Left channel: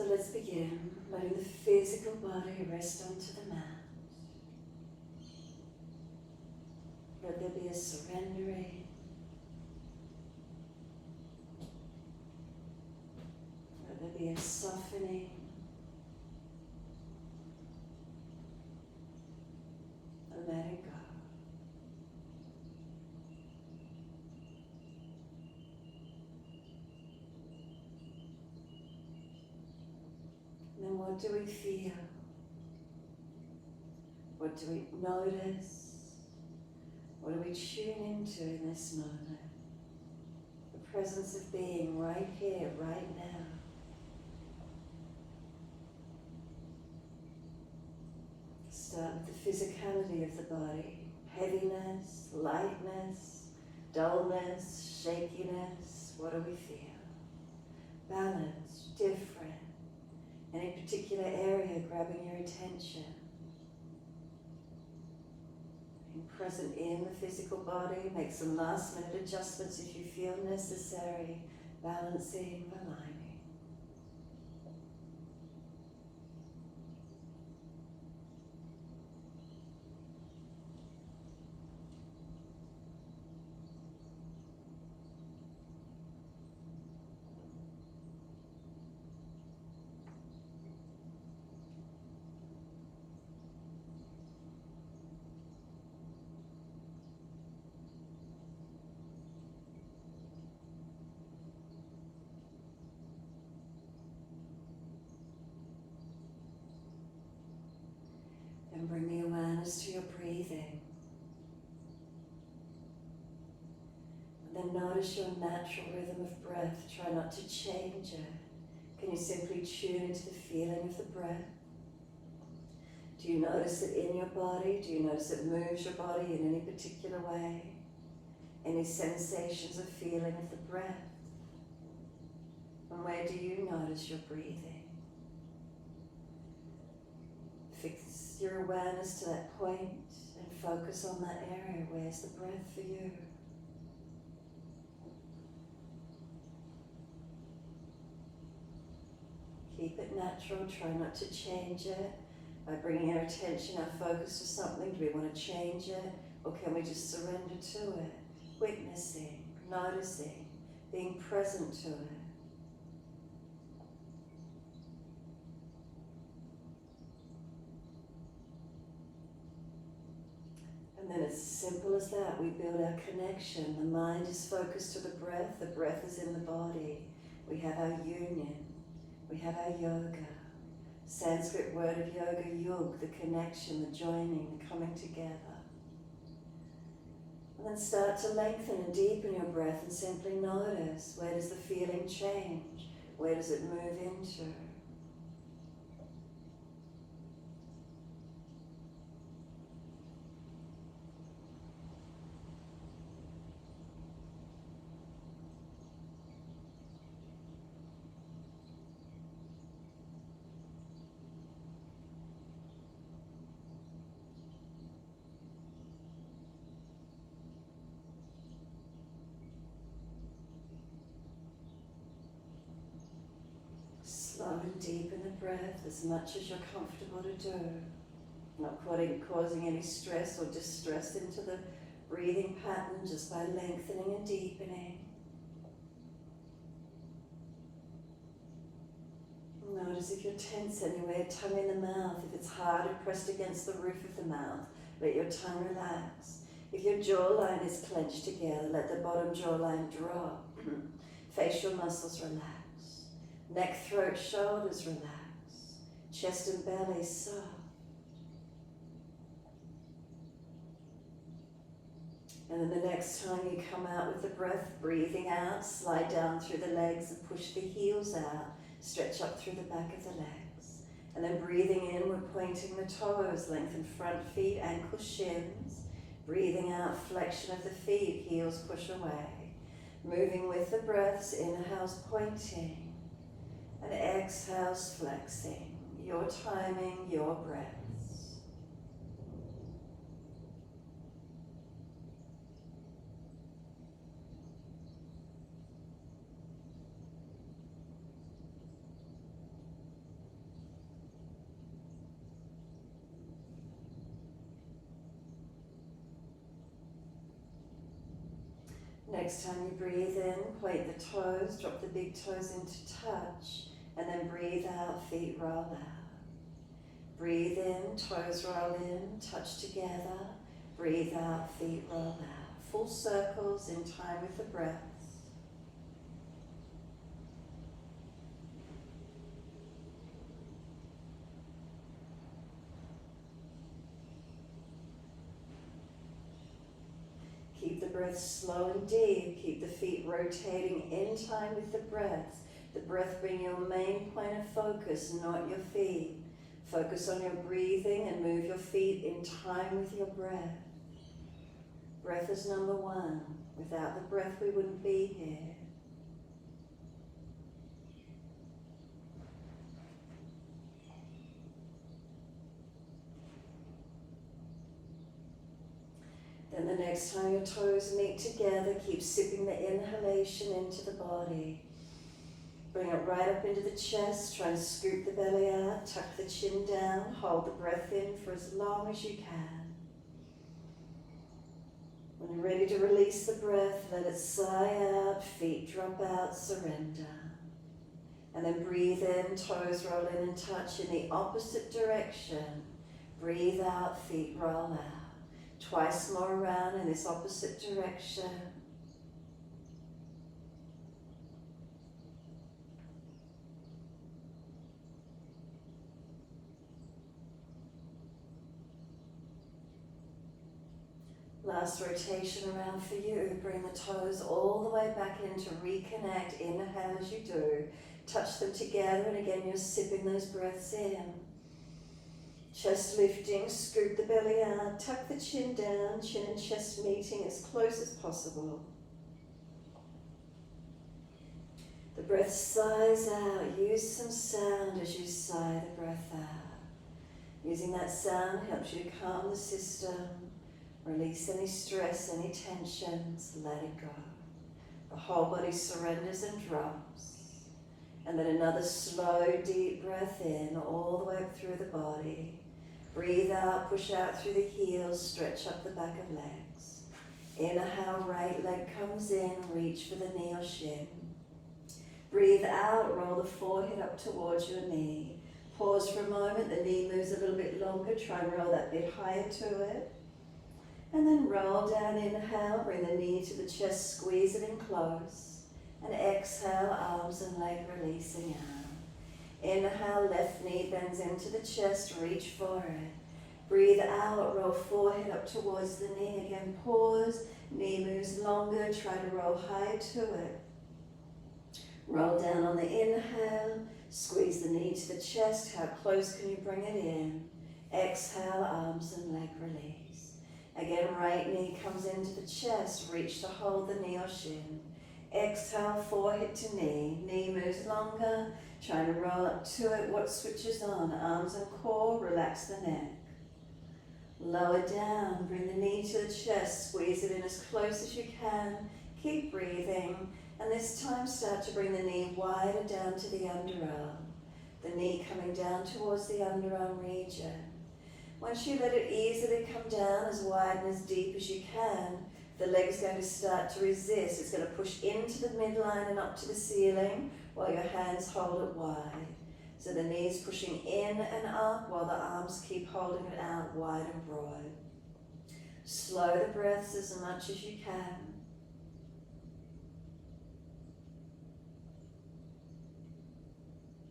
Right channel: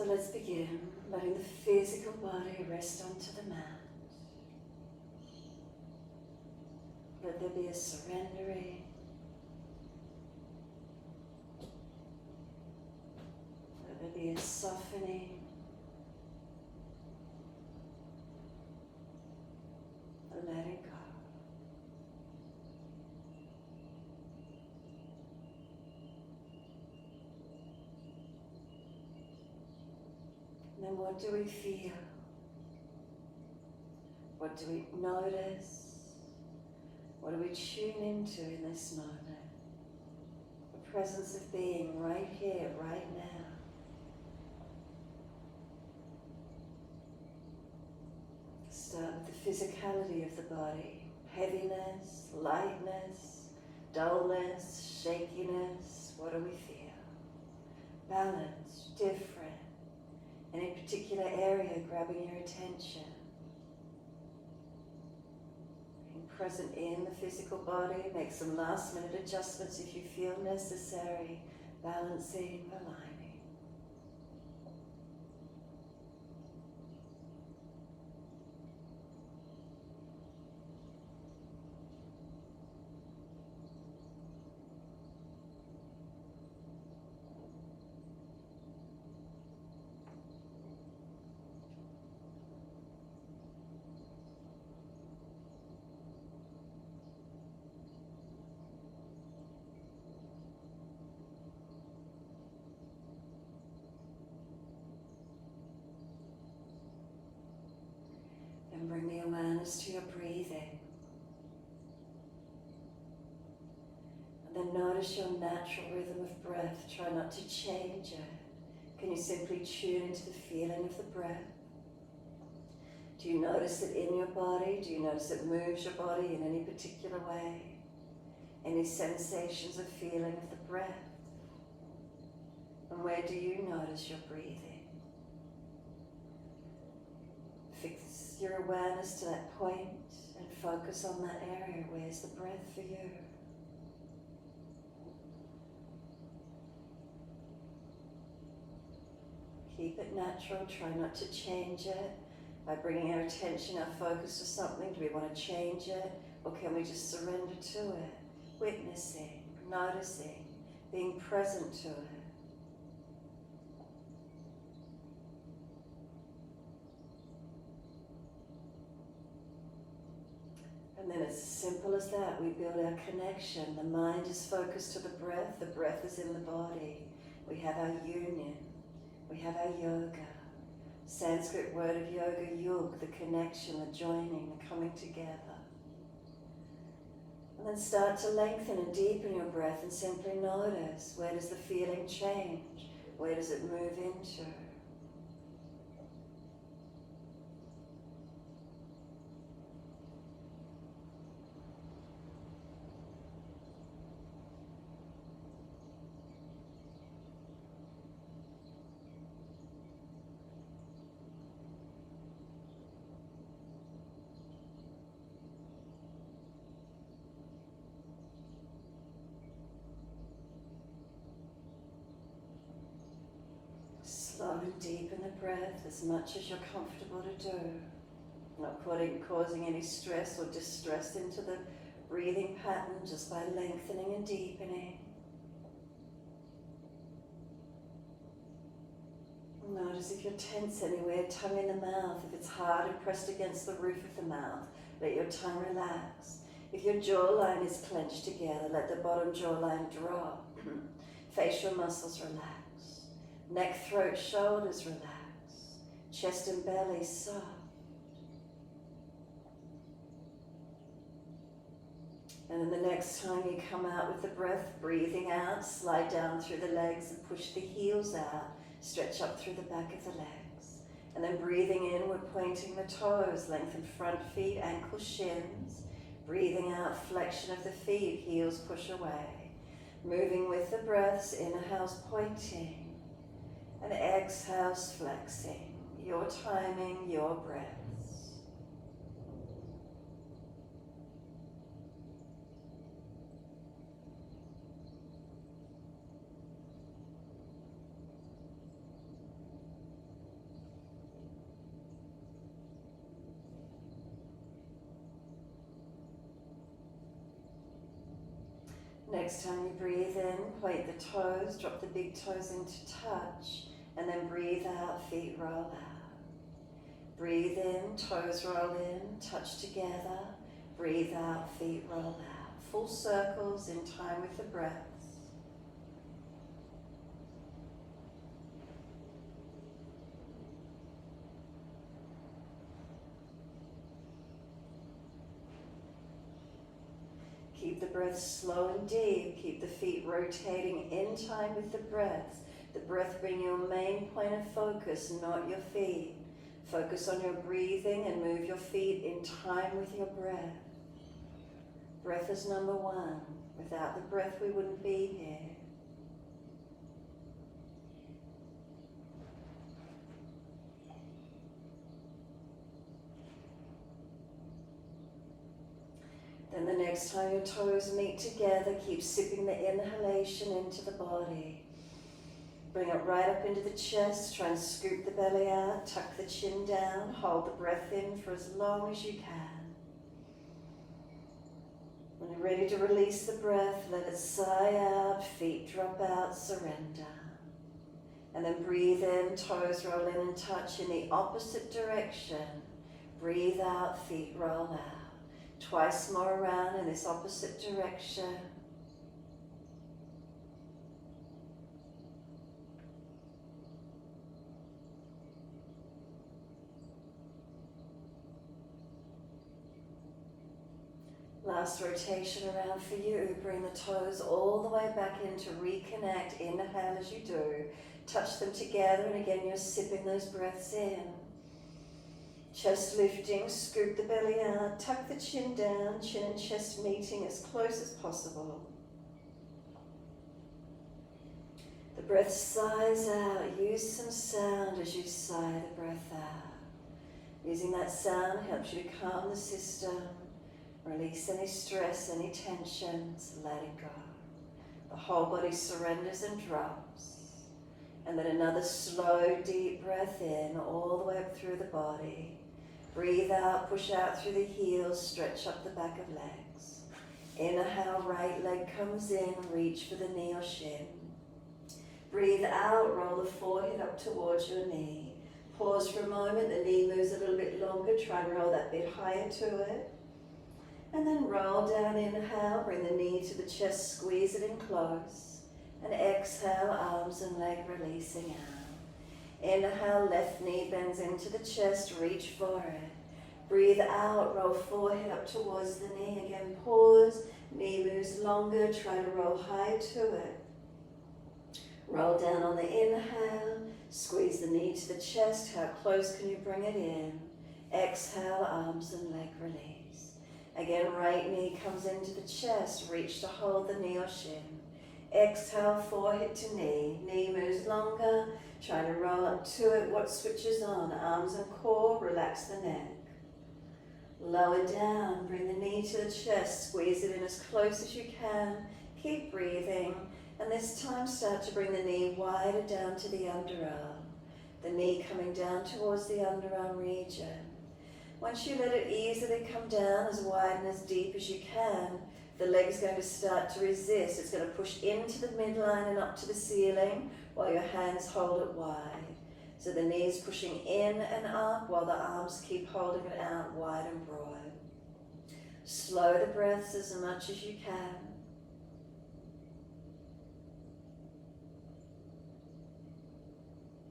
So let's begin, letting the physical body rest onto the mat. Let there be a surrendering. Let there be a softening. And let it go. And then what do we feel? What do we notice? What do we tune into in this moment? The presence of being right here, right now. Start with the physicality of the body. Heaviness, lightness, dullness, shakiness. What do we feel? Balance, different. Any particular area grabbing your attention. Being present in the physical body. Make some last minute adjustments if you feel necessary. Balancing, aligning. And bring the awareness to your breathing. And then notice your natural rhythm of breath. Try not to change it. Can you simply tune into the feeling of the breath? Do you notice it in your body? Do you notice it moves your body in any particular way? Any sensations of feeling of the breath? And where do you notice your breathing? Fix your awareness to that point and focus on that area. Where's the breath for you? Keep it natural. Try not to change it. By bringing our attention, our focus to something, do we want to change it? Or can we just surrender to it? Witnessing, noticing, being present to it. And then it's simple as that. We build our connection. The mind is focused to the breath is in the body. We have our union. We have our yoga. Sanskrit word of yoga, yug, the connection, the joining, the coming together. And then start to lengthen and deepen your breath and simply notice, where does the feeling change? Where does it move into? Slow and deepen the breath as much as you're comfortable to do. Not causing any stress or distress into the breathing pattern, just by lengthening and deepening. Notice if you're tense anywhere, tongue in the mouth. If it's hard and pressed against the roof of the mouth, let your tongue relax. If your jawline is clenched together, let the bottom jawline drop. Facial muscles relax. Neck, throat, shoulders relax. Chest and belly soft. And then the next time you come out with the breath, breathing out, slide down through the legs and push the heels out. Stretch up through the back of the legs. And then breathing in, we're pointing the toes, lengthen front feet, ankles, shins. Breathing out, flexion of the feet, heels push away. Moving with the breaths, inhales pointing. And exhales flexing. Your timing, your breaths. Next time you breathe in, point the toes, drop the big toes into touch, and then breathe out, feet roll out. Breathe in, toes roll in, touch together. Breathe out, feet roll out. Full circles in time with the breaths. Keep the breath slow and deep. Keep the feet rotating in time with the breath. The breath being your main point of focus, not your feet. Focus on your breathing and move your feet in time with your breath. Breath is number one. Without the breath, we wouldn't be here. Then the next time your toes meet together, keep sipping the inhalation into the body. Bring it right up into the chest, try and scoop the belly out, tuck the chin down, hold the breath in for as long as you can. When you're ready to release the breath, let it sigh out, feet drop out, surrender. And then breathe in, toes roll in and touch in the opposite direction. Breathe out, feet roll out. Twice more around in this opposite direction. Last rotation around for you. Bring the toes all the way back in to reconnect. Inhale as you do. Touch them together, and again you're sipping those breaths in. Chest lifting, scoop the belly out, tuck the chin down, chin and chest meeting as close as possible. The breath sighs out. Use some sound as you sigh the breath out. Using that sound helps you to calm the system, release any stress, any tensions, let it go. The whole body surrenders and drops. And then another slow, deep breath in, all the way up through the body. Breathe out, push out through the heels, stretch up the back of legs. Inhale, right leg comes in, reach for the knee or shin. Breathe out, roll the forehead up towards your knee. Pause for a moment, the knee moves a little bit longer, try and roll that bit higher to it. And then roll down, inhale, bring the knee to the chest, squeeze it in close. And exhale, arms and leg releasing out. Inhale, left knee bends into the chest, reach for it. Breathe out, roll forehead up towards the knee. Again, pause, knee moves longer, try to roll high to it. Roll down on the inhale, squeeze the knee to the chest. How close can you bring it in? Exhale, arms and leg release. Again, right knee comes into the chest, reach to hold the knee or shin. Exhale, forehead to knee. Knee moves longer. Try to roll up to it. What switches on? Arms and core. Relax the neck. Lower down. Bring the knee to the chest. Squeeze it in as close as you can. Keep breathing. And this time start to bring the knee wider down to the underarm. The knee coming down towards the underarm region. Once you let it easily come down as wide and as deep as you can, the leg's going to start to resist. It's going to push into the midline and up to the ceiling while your hands hold it wide. So the knee's pushing in and up while the arms keep holding it out wide and broad. Slow the breaths as much as you can.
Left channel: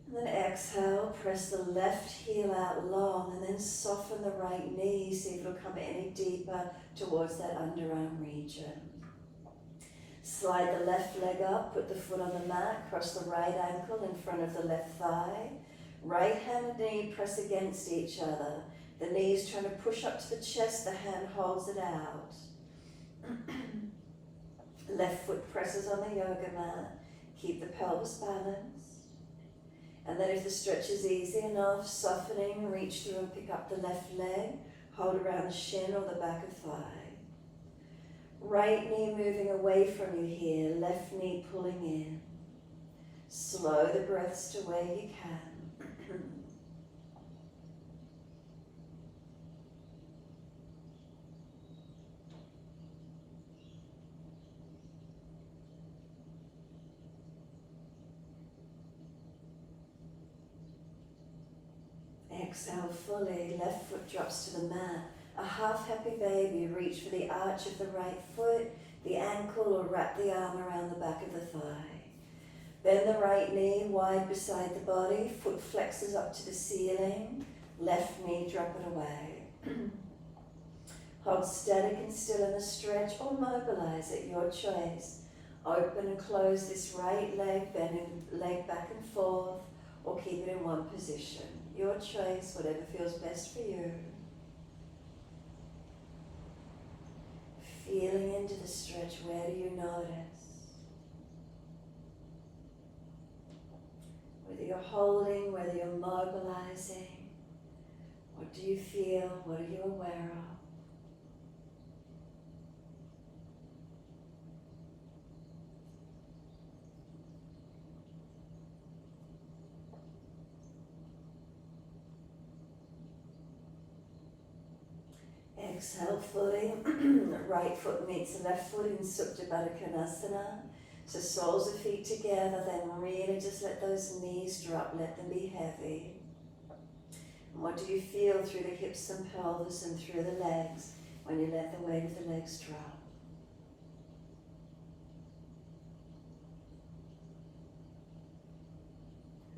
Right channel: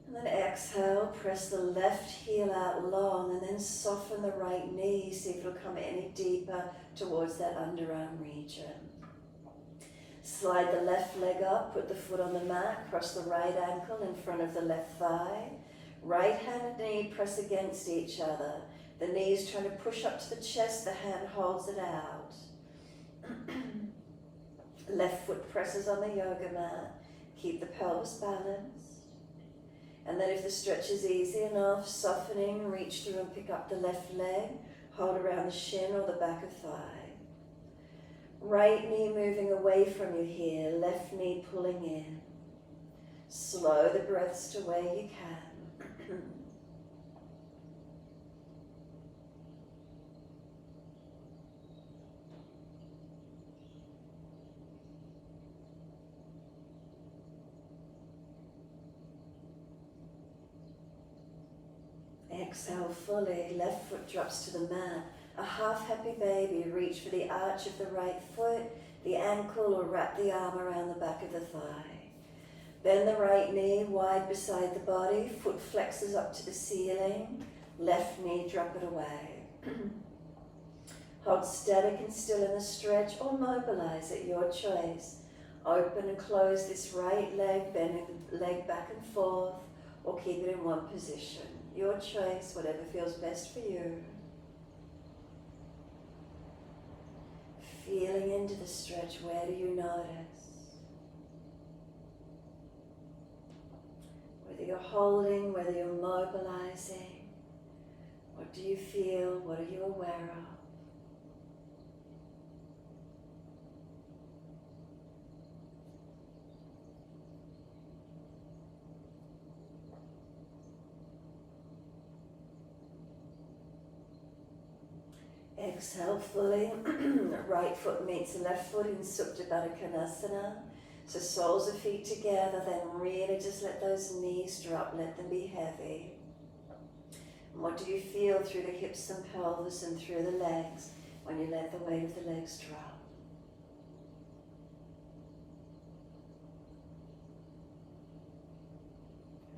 And then exhale, press the left heel out long and then soften the right knee. See if it'll come any deeper towards that underarm region. Slide the left leg up, put the foot on the mat, cross the right ankle in front of the left thigh. Right hand and knee press against each other. The knee's trying to push up to the chest, the hand holds it out. Left foot presses on the yoga mat. Keep the pelvis balanced. And then if the stretch is easy enough, softening, reach through and pick up the left leg. Hold around the shin or the back of thigh. Right knee moving away from you here, left knee pulling in. Slow the breaths to where you can. Exhale fully, left foot drops to the mat. A half happy baby, reach for the arch of the right foot, the ankle, or wrap the arm around the back of the thigh. Bend the right knee wide beside the body, foot flexes up to the ceiling, left knee drop it away. Hold static and still in the stretch or mobilize at your choice. Open and close this right leg, bending the leg back and forth, or keep it in one position. Your choice, whatever feels best for you. Feeling into the stretch, where do you notice? Whether you're holding, whether you're mobilizing, what do you feel, what are you aware of? Exhale fully, right foot meets the left foot in Supta Baddha Konasana. So soles of feet together, then really just let those knees drop, let them be heavy. And what do you feel through the hips and pelvis and through the legs when you let the weight of the legs drop?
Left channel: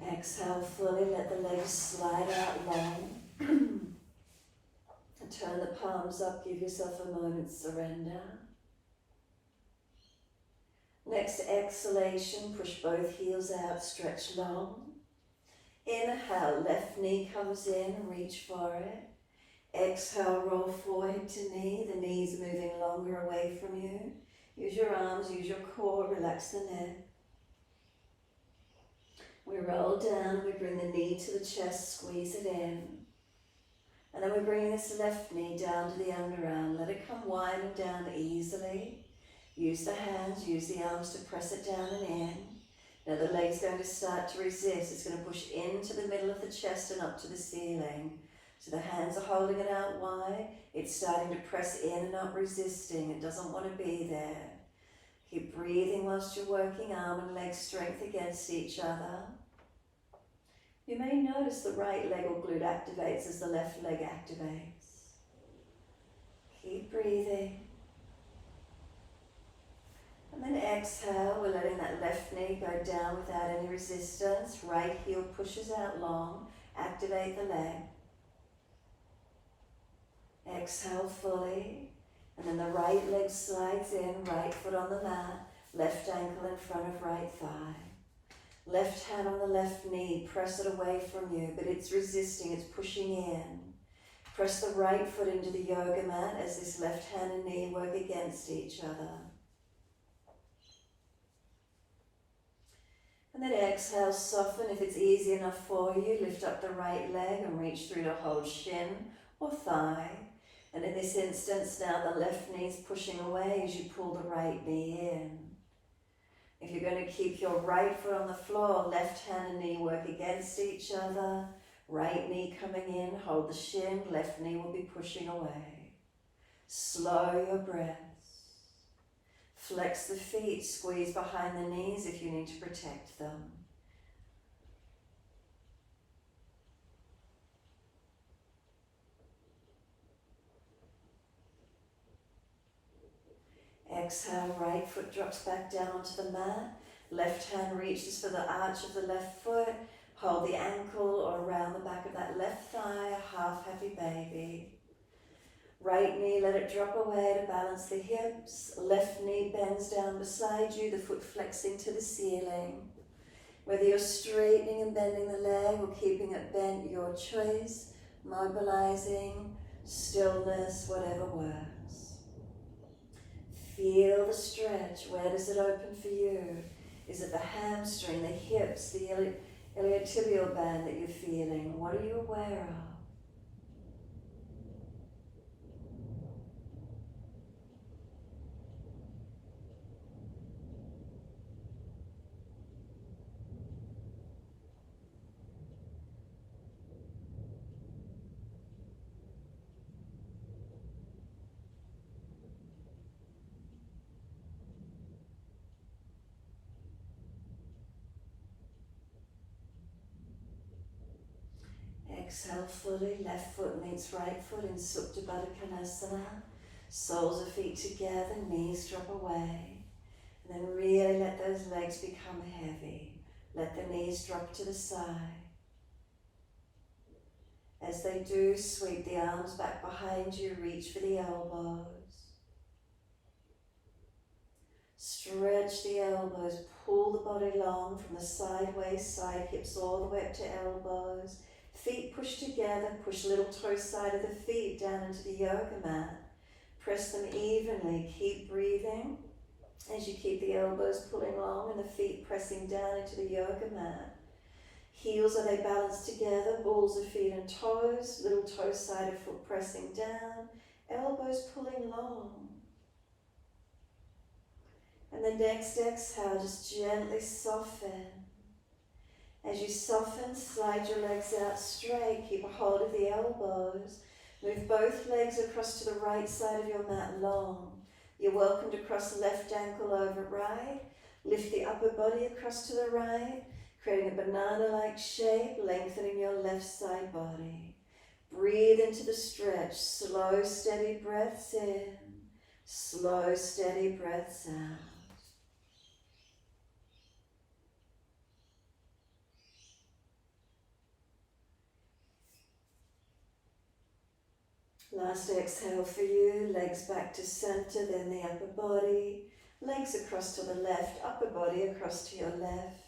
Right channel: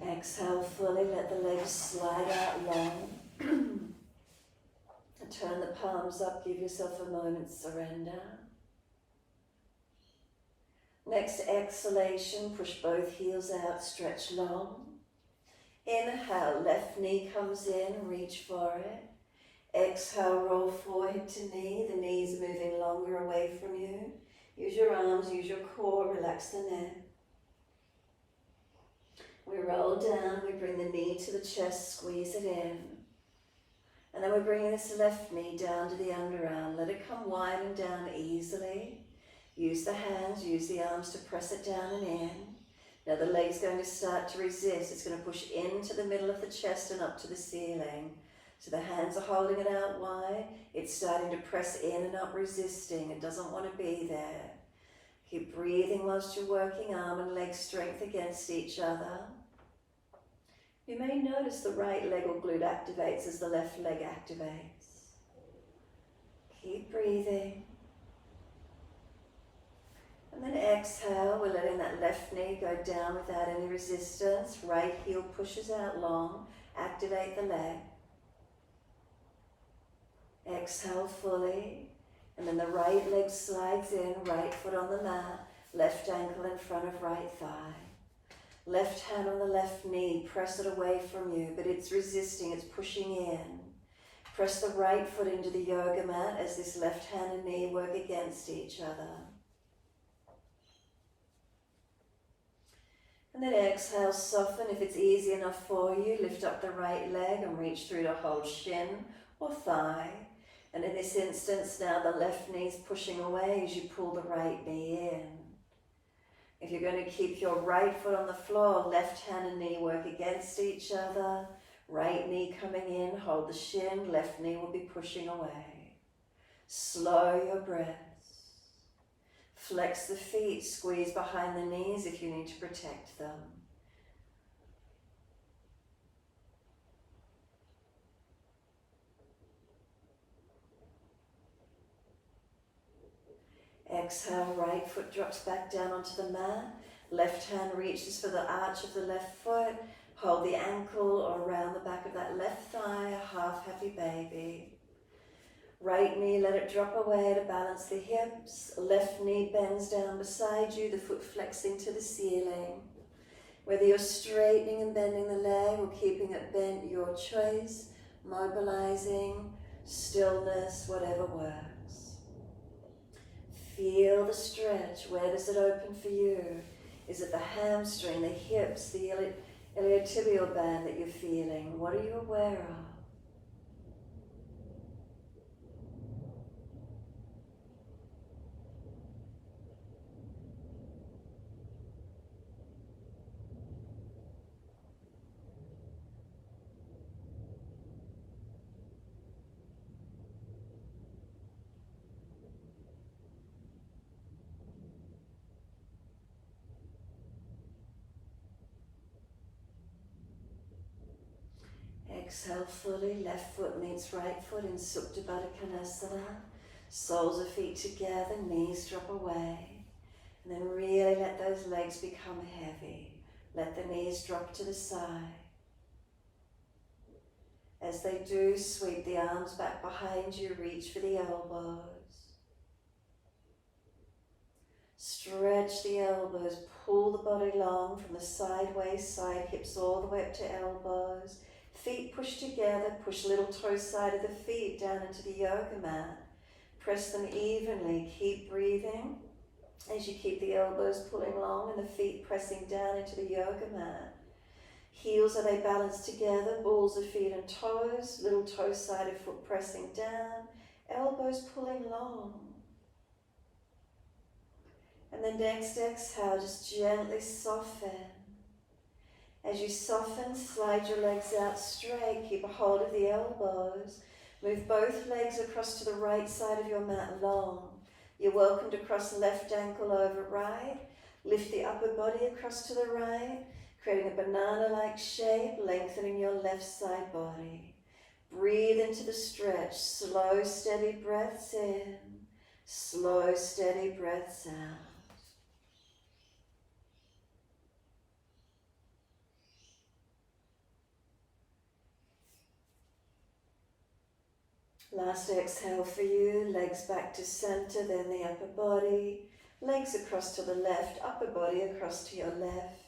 Exhale fully, let the legs slide out long. Turn the palms up, give yourself a moment's surrender. Next exhalation, push both heels out, stretch long. Inhale, left knee comes in, reach for it. Exhale, roll forehead to knee, the knees moving longer away from you. Use your arms, use your core, relax the neck. We roll down, we bring the knee to the chest, squeeze it in. And then we're bringing this left knee down to the underarm. Let it come winding down easily. Use the hands, use the arms to press it down and in. Now the leg's going to start to resist. It's going to push into the middle of the chest and up to the ceiling. So the hands are holding it out wide. It's starting to press in and up, resisting. It doesn't want to be there. Keep breathing whilst you're working arm and leg strength against each other. You may notice the right leg or glute activates as the left leg activates. Keep breathing. And then exhale, we're letting that left knee go down without any resistance. Right heel pushes out long. Activate the leg. Exhale fully. And then the right leg slides in, right foot on the mat, left ankle in front of right thigh. Left hand on the left knee, press it away from you, but it's resisting, it's pushing in. Press the right foot into the yoga mat as this left hand and knee work against each other. And then exhale, soften. If it's easy enough for you, lift up the right leg and reach through to hold shin or thigh. And in this instance now the left knee's pushing away as you pull the right knee in. If you're going to keep your right foot on the floor, left hand and knee work against each other. Right knee coming in, hold the shin, left knee will be pushing away. Slow your breaths. Flex the feet, squeeze behind the knees if you need to protect them. Exhale, right foot drops back down onto the mat. Left hand reaches for the arch of the left foot. Hold the ankle or around the back of that left thigh, a half happy baby. Right knee, let it drop away to balance the hips. Left knee bends down beside you, the foot flexing to the ceiling. Whether you're straightening and bending the leg or keeping it bent, your choice. Mobilizing, stillness, whatever works. Feel the stretch. Where does it open for you? Is it the hamstring, the hips, the iliotibial band that you're feeling? What are you aware of? Exhale fully, left foot meets right foot in Supta Baddha Konasana. Soles of feet together, knees drop away. And then really let those legs become heavy. Let the knees drop to the side. As they do, sweep the arms back behind you, reach for the elbows. Stretch the elbows, pull the body long from the sideways, side hips all the way up to elbows. Feet push together, push little toe side of the feet down into the yoga mat. Press them evenly, keep breathing as you keep the elbows pulling long and the feet pressing down into the yoga mat. Heels, are they balanced together? Balls of feet and toes, little toe side of foot pressing down, elbows pulling long. And the next exhale, just gently soften. As you soften, slide your legs out straight, keep a hold of the elbows. Move both legs across to the right side of your mat long. You're welcome to cross left ankle over right. Lift the upper body across to the right, creating a banana-like shape, lengthening your left side body. Breathe into the stretch, slow, steady breaths in, slow, steady breaths out. Last exhale for you, legs back to center, then the upper body. Legs across to the left, upper body across to your left.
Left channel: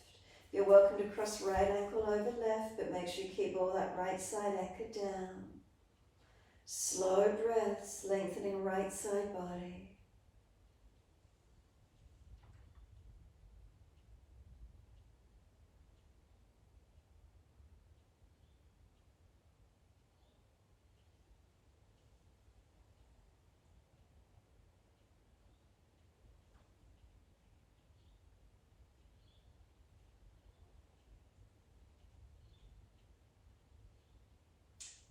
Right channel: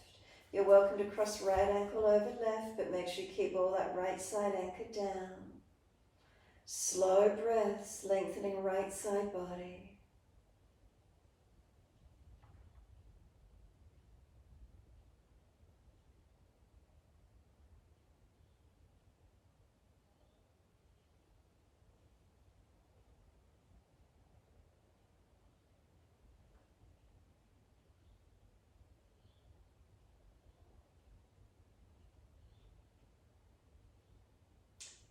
You're welcome to cross right ankle over left, but make sure you keep all that right side anchored down. Slow breaths, lengthening right side body.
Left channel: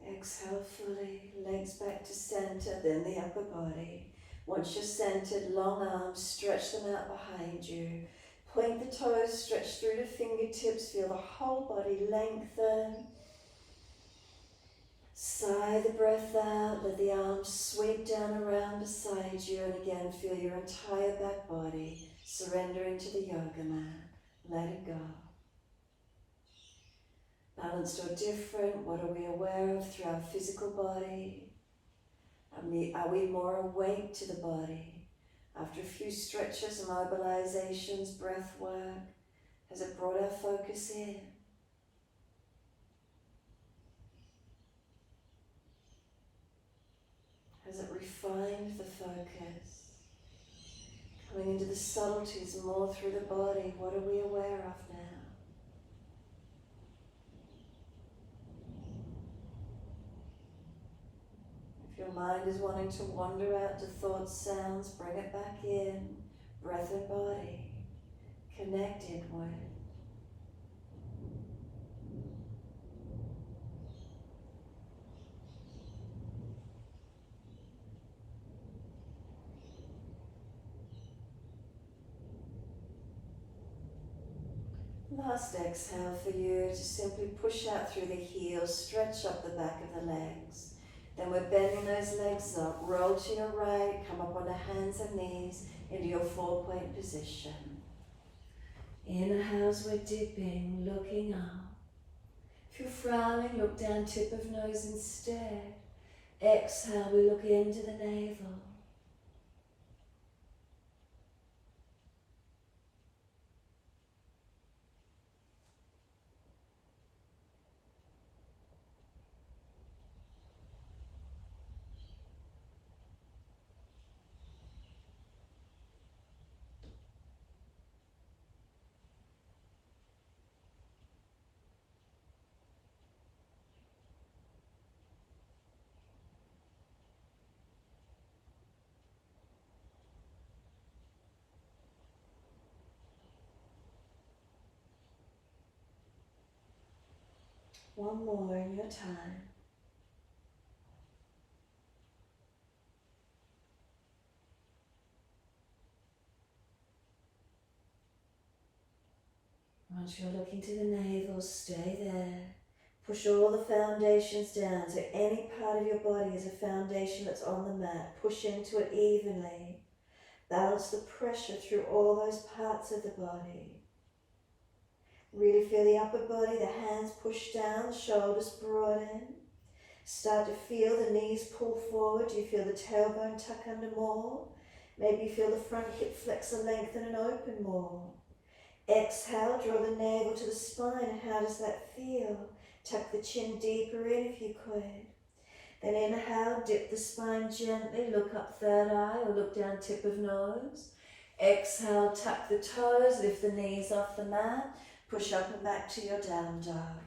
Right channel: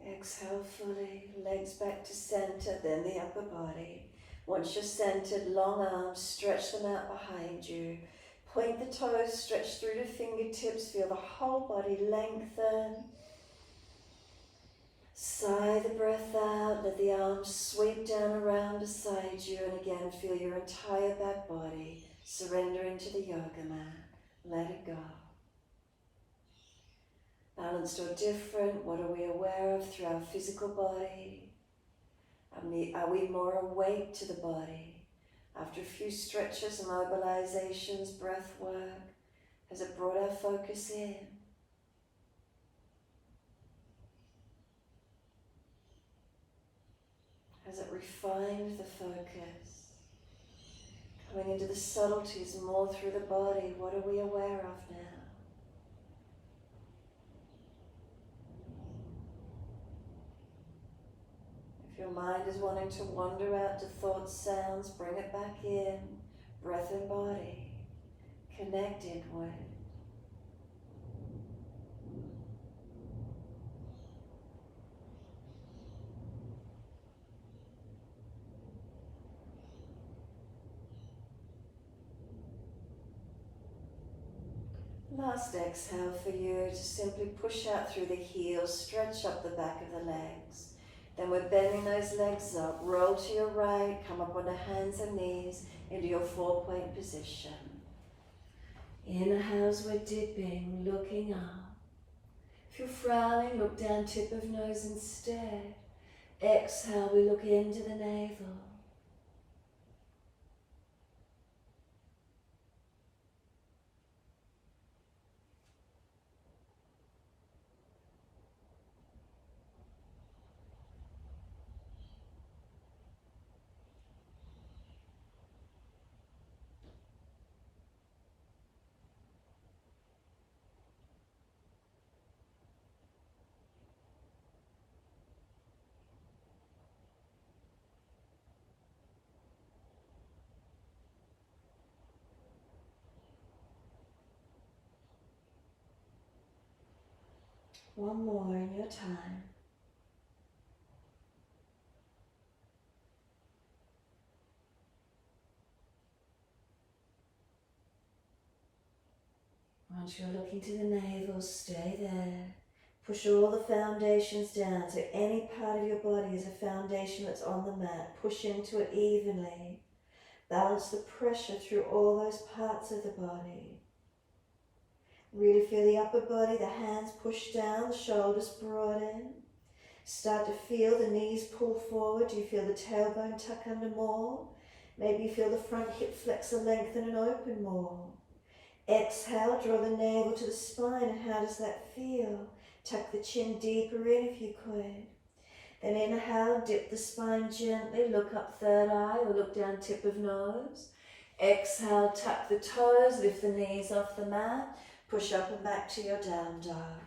Exhale fully, legs back to center, then the upper body. Once you're centered, long arms, stretch them out behind you. Point the toes, stretch through the fingertips, feel the whole body lengthen. Sigh the breath out, let the arms sweep down around beside you, and again feel your entire back body surrender into the yoga mat. Let it go. Balanced or different, what are we aware of through our physical body? Are we more awake to the body? After a few stretches, mobilizations, breath work, has it brought our focus in? Has it refined the focus? Coming into the subtleties more through the body, what are we aware of now? If your mind is wanting to wander out to thoughts, sounds, bring it back in. Breath and body, connect inward. Last exhale for you to simply push out through the heels, stretch up the back of the legs. Then we're bending those legs up, roll to your right, come up on the hands and knees into your 4-point position. Inhale as we're dipping, looking up. If you're frowning, look down, tip of nose instead. Exhale, we look into the navel. One more in your time. Once you're looking to the navel, stay there. Push all the foundations down, so any part of your body is a foundation that's on the mat. Push into it evenly. Balance the pressure through all those parts of the body. Really feel the upper body, the hands push down, the shoulders broaden. Start to feel the knees pull forward. Do you feel the tailbone tuck under more? Maybe you feel the front hip flexor lengthen and open more. Exhale, draw the navel to the spine. How does that feel? Tuck the chin deeper in if you could. Then inhale, dip the spine gently, look up third eye or look down tip of nose. Exhale, tuck the toes, lift the knees off the mat, push up and back to your down dog.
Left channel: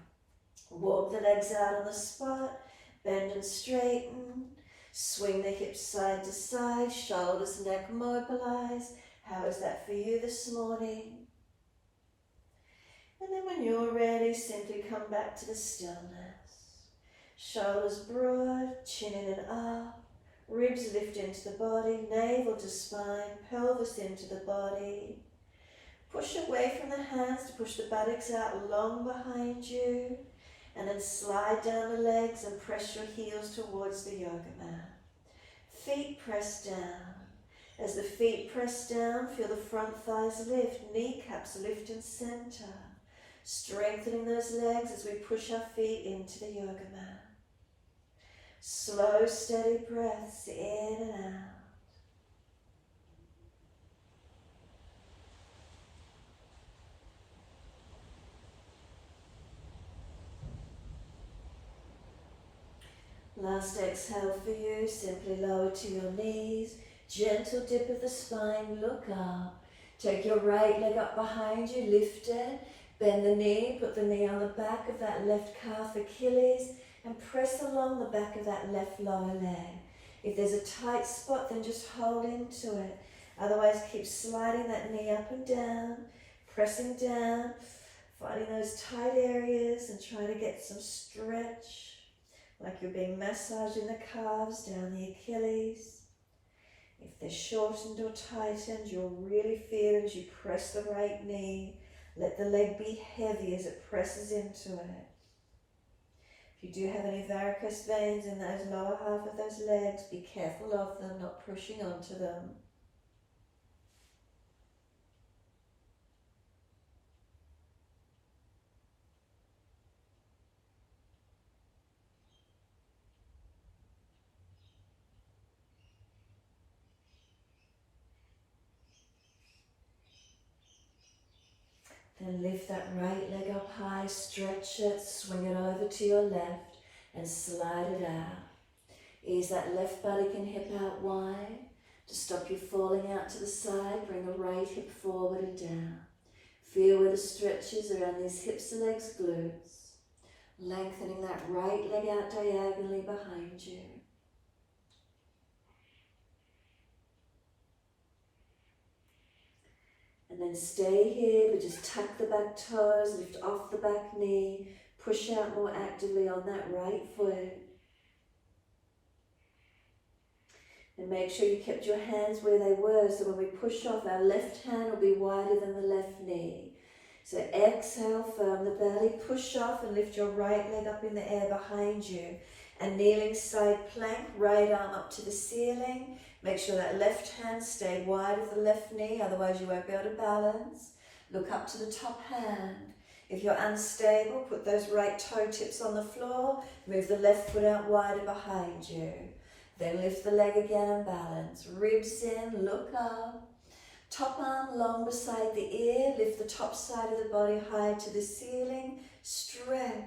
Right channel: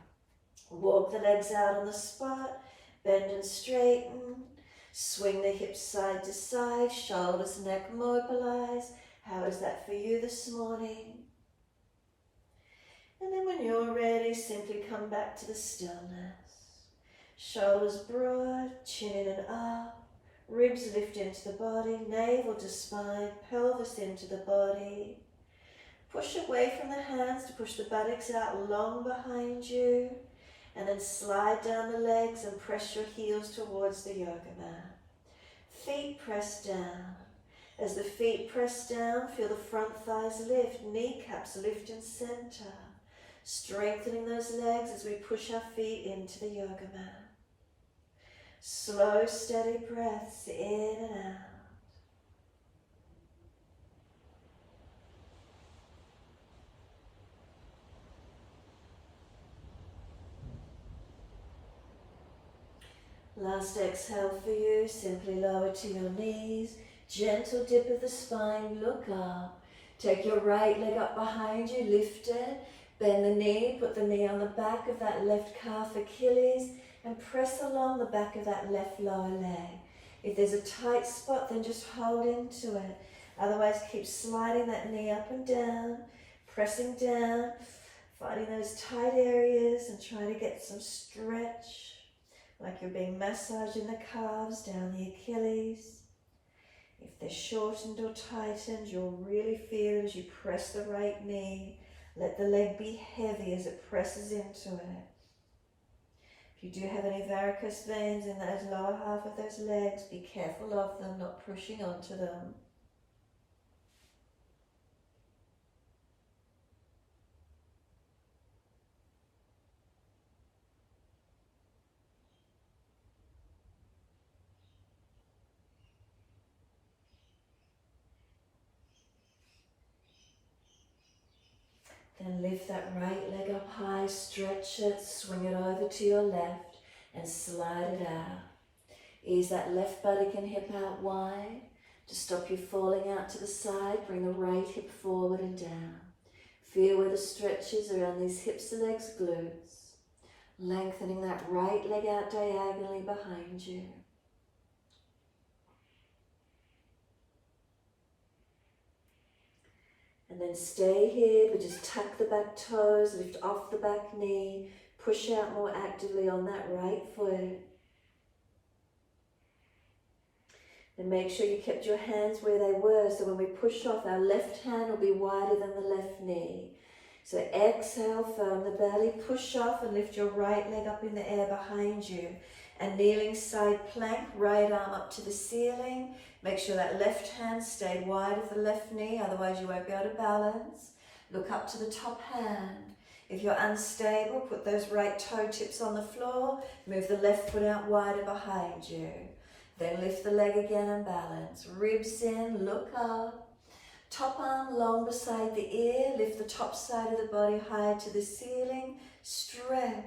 Walk the legs out on the spot, bend and straighten. Swing the hips side to side, shoulders, neck mobilize. How is that for you this morning? And then when you're ready, simply come back to the stillness. Shoulders broad, chin in and up, ribs lift into the body, navel to spine, pelvis into the body. Push away from the hands to push the buttocks out long behind you, and then slide down the legs and press your heels towards the yoga mat. Feet press down. As the feet press down, feel the front thighs lift, kneecaps lift and center. Strengthening those legs as we push our feet into the yoga mat. Slow, steady breaths in and out. Last exhale for you, simply lower to your knees, gentle dip of the spine, look up. Take your right leg up behind you, lift it. Bend the knee, put the knee on the back of that left calf Achilles and press along the back of that left lower leg. If there's a tight spot, then just hold into it. Otherwise, keep sliding that knee up and down, pressing down, finding those tight areas and trying to get some stretch, like you're being massaged in the calves, down the Achilles. If they're shortened or tightened, you'll really feel as you press the right knee. Let the leg be heavy as it presses into it. If you do have any varicose veins in those lower half of those legs, be careful of them, not pushing onto them. Then lift that right leg up high, stretch it, swing it over to your left and slide it out. Ease that left buttock and hip out wide to stop you falling out to the side. Bring the right hip forward and down. Feel where the stretch is around these hips, legs, glutes. Lengthening that right leg out diagonally behind you. And then stay here, but just tuck the back toes, lift off the back knee, push out more actively on that right foot. And make sure you kept your hands where they were, so when we push off, our left hand will be wider than the left knee. So exhale, firm the belly, push off and lift your right leg up in the air behind you. And kneeling side plank, right arm up to the ceiling. Make sure that left hand stay wide of the left knee, otherwise you won't be able to balance. Look up to the top hand. If you're unstable, put those right toe tips on the floor. Move the left foot out wider behind you. Then lift the leg again and balance. Ribs in, look up. Top arm long beside the ear. Lift the top side of the body high to the ceiling. Stretch.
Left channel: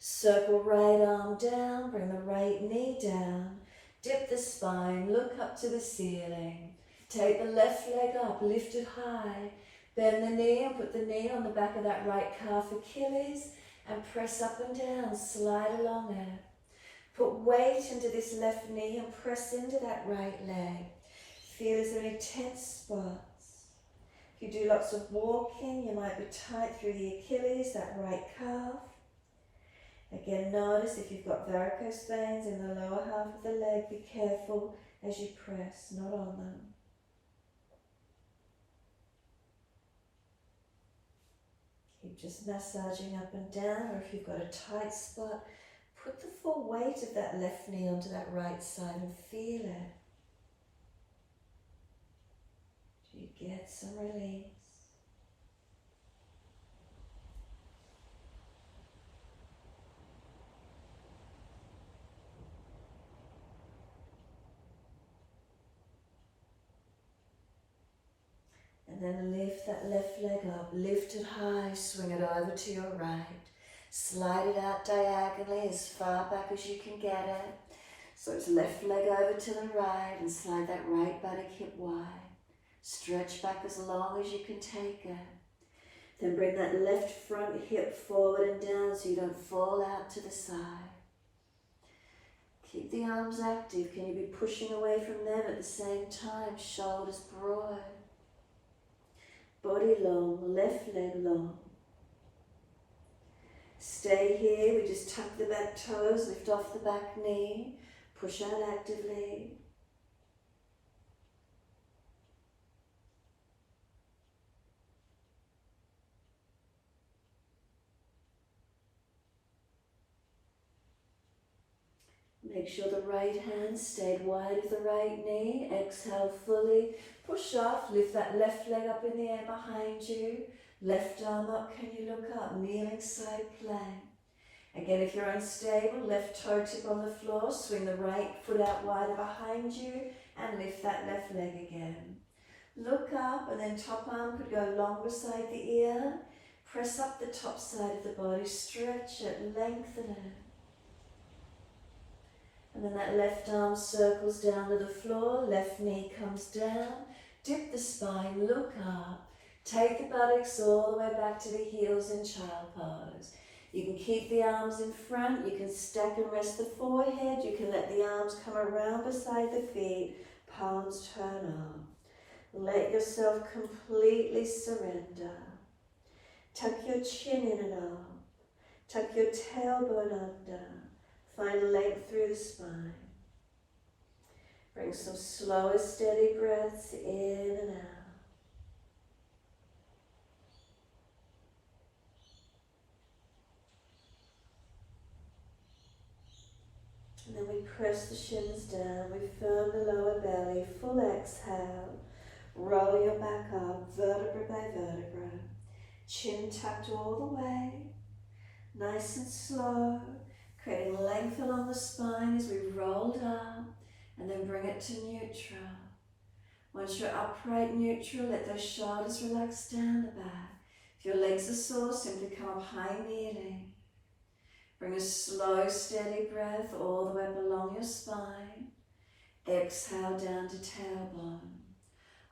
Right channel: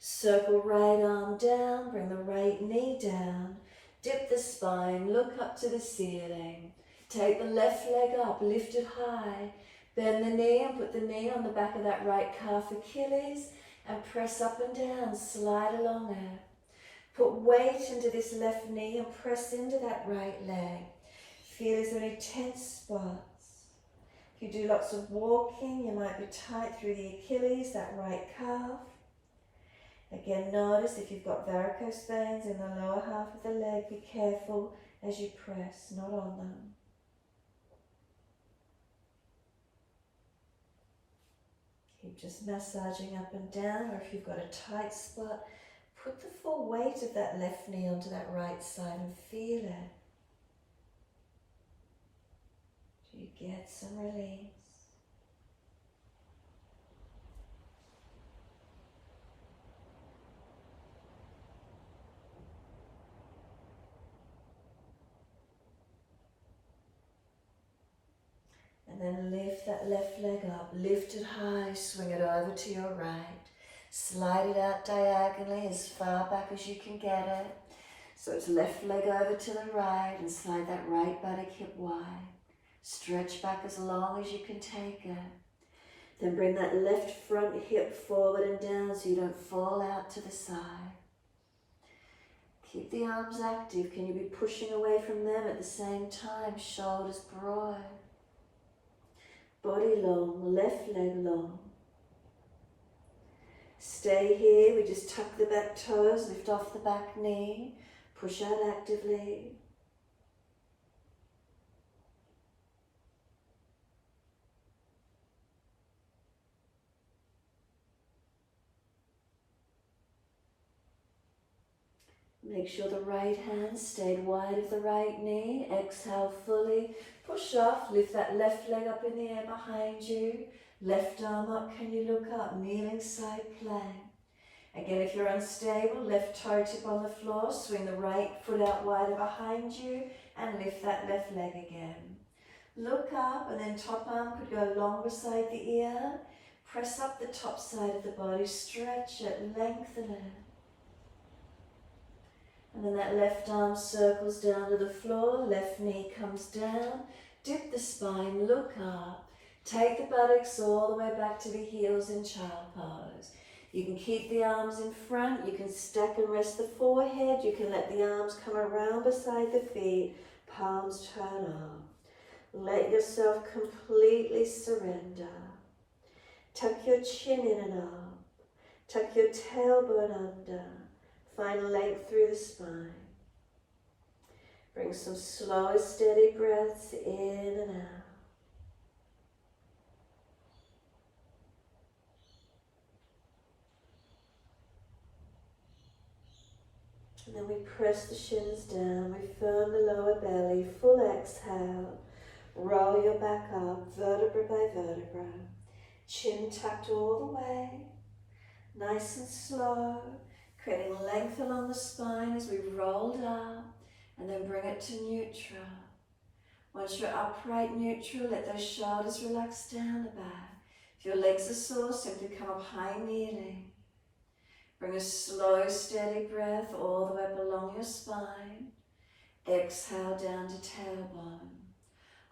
Circle right arm down. Bring the right knee down. Dip the spine. Look up to the ceiling. Take the left leg up. Lift it high. Bend the knee and put the knee on the back of that right calf Achilles. And press up and down. Slide along it. Put weight into this left knee and press into that right leg. Feel is there any tense spots? If you do lots of walking, you might be tight through the Achilles, that right calf. Again, notice if you've got varicose veins in the lower half of the leg, be careful as you press, not on them. Keep just massaging up and down, or if you've got a tight spot, put the full weight of that left knee onto that right side and feel it. Do you get some release? And then lift that left leg up, lift it high, swing it over to your right. Slide it out diagonally as far back as you can get it. So it's left leg over to the right and slide that right buttock hip wide. Stretch back as long as you can take it. Then bring that left front hip forward and down so you don't fall out to the side. Keep the arms active. Can you be pushing away from them at the same time? Shoulders broad. Body long, left leg long. Stay here. We just tuck the back toes, lift off the back knee, push out actively. Make sure the right hand stayed wide of the right knee. Exhale fully. Push off. Lift that left leg up in the air behind you. Left arm up. Can you look up? Kneeling side plank. Again, if you're unstable, left toe tip on the floor. Swing the right foot out wider behind you and lift that left leg again. Look up, and then top arm could go long beside the ear. Press up the top side of the body. Stretch it. Lengthen it. And then that left arm circles down to the floor, left knee comes down, dip the spine, look up, take the buttocks all the way back to the heels in child pose. You can keep the arms in front, you can stack and rest the forehead, you can let the arms come around beside the feet, palms turn up. Let yourself completely surrender. Tuck your chin in and up, tuck your tailbone under. Find length through the spine. Bring some slow, steady breaths in and out. And then we press the shins down. We firm the lower belly. Full exhale. Roll your back up, vertebra by vertebra. Chin tucked all the way. Nice and slow. Creating length along the spine as we roll up, and then bring it to neutral. Once you're upright neutral, let those shoulders relax down the back. If your legs are sore, simply come up high kneeling. Bring a slow, steady breath all the way up along your spine. Exhale down to tailbone.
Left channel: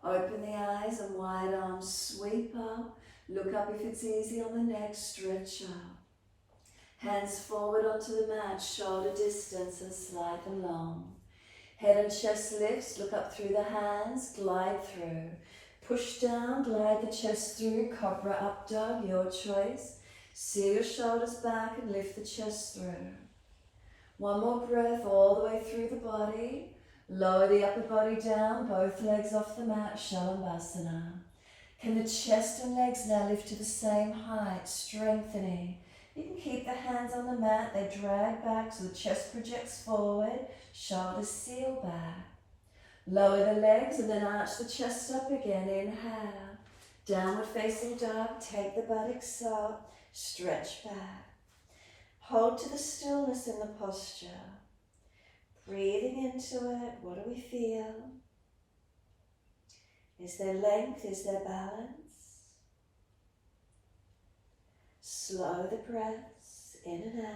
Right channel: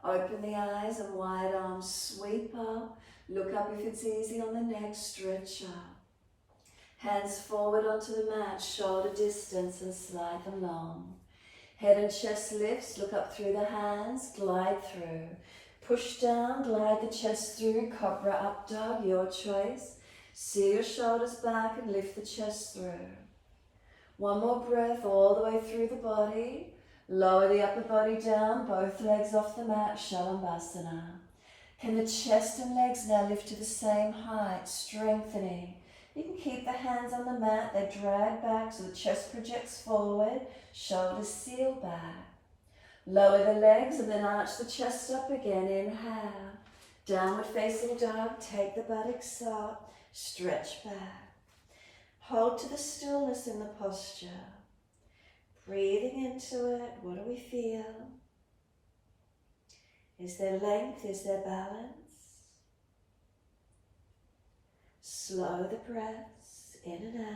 Open the eyes and wide arms sweep up. Look up if it's easy on the neck, stretch up. Hands forward onto the mat, shoulder distance, and slide them long. Head and chest lifts, look up through the hands, glide through. Push down, glide the chest through, cobra up dog, your choice. Seal your shoulders back and lift the chest through. One more breath all the way through the body. Lower the upper body down, both legs off the mat, Shalabhasana. Can the chest and legs now lift to the same height, strengthening? You can keep the hands on the mat, they drag back so the chest projects forward, shoulders seal back. Lower the legs and then arch the chest up again, inhale. Downward facing dog, take the buttocks up, stretch back. Hold to the stillness in the posture. Breathing into it, what do we feel? Is there length, is there balance? Slow the breaths in and out.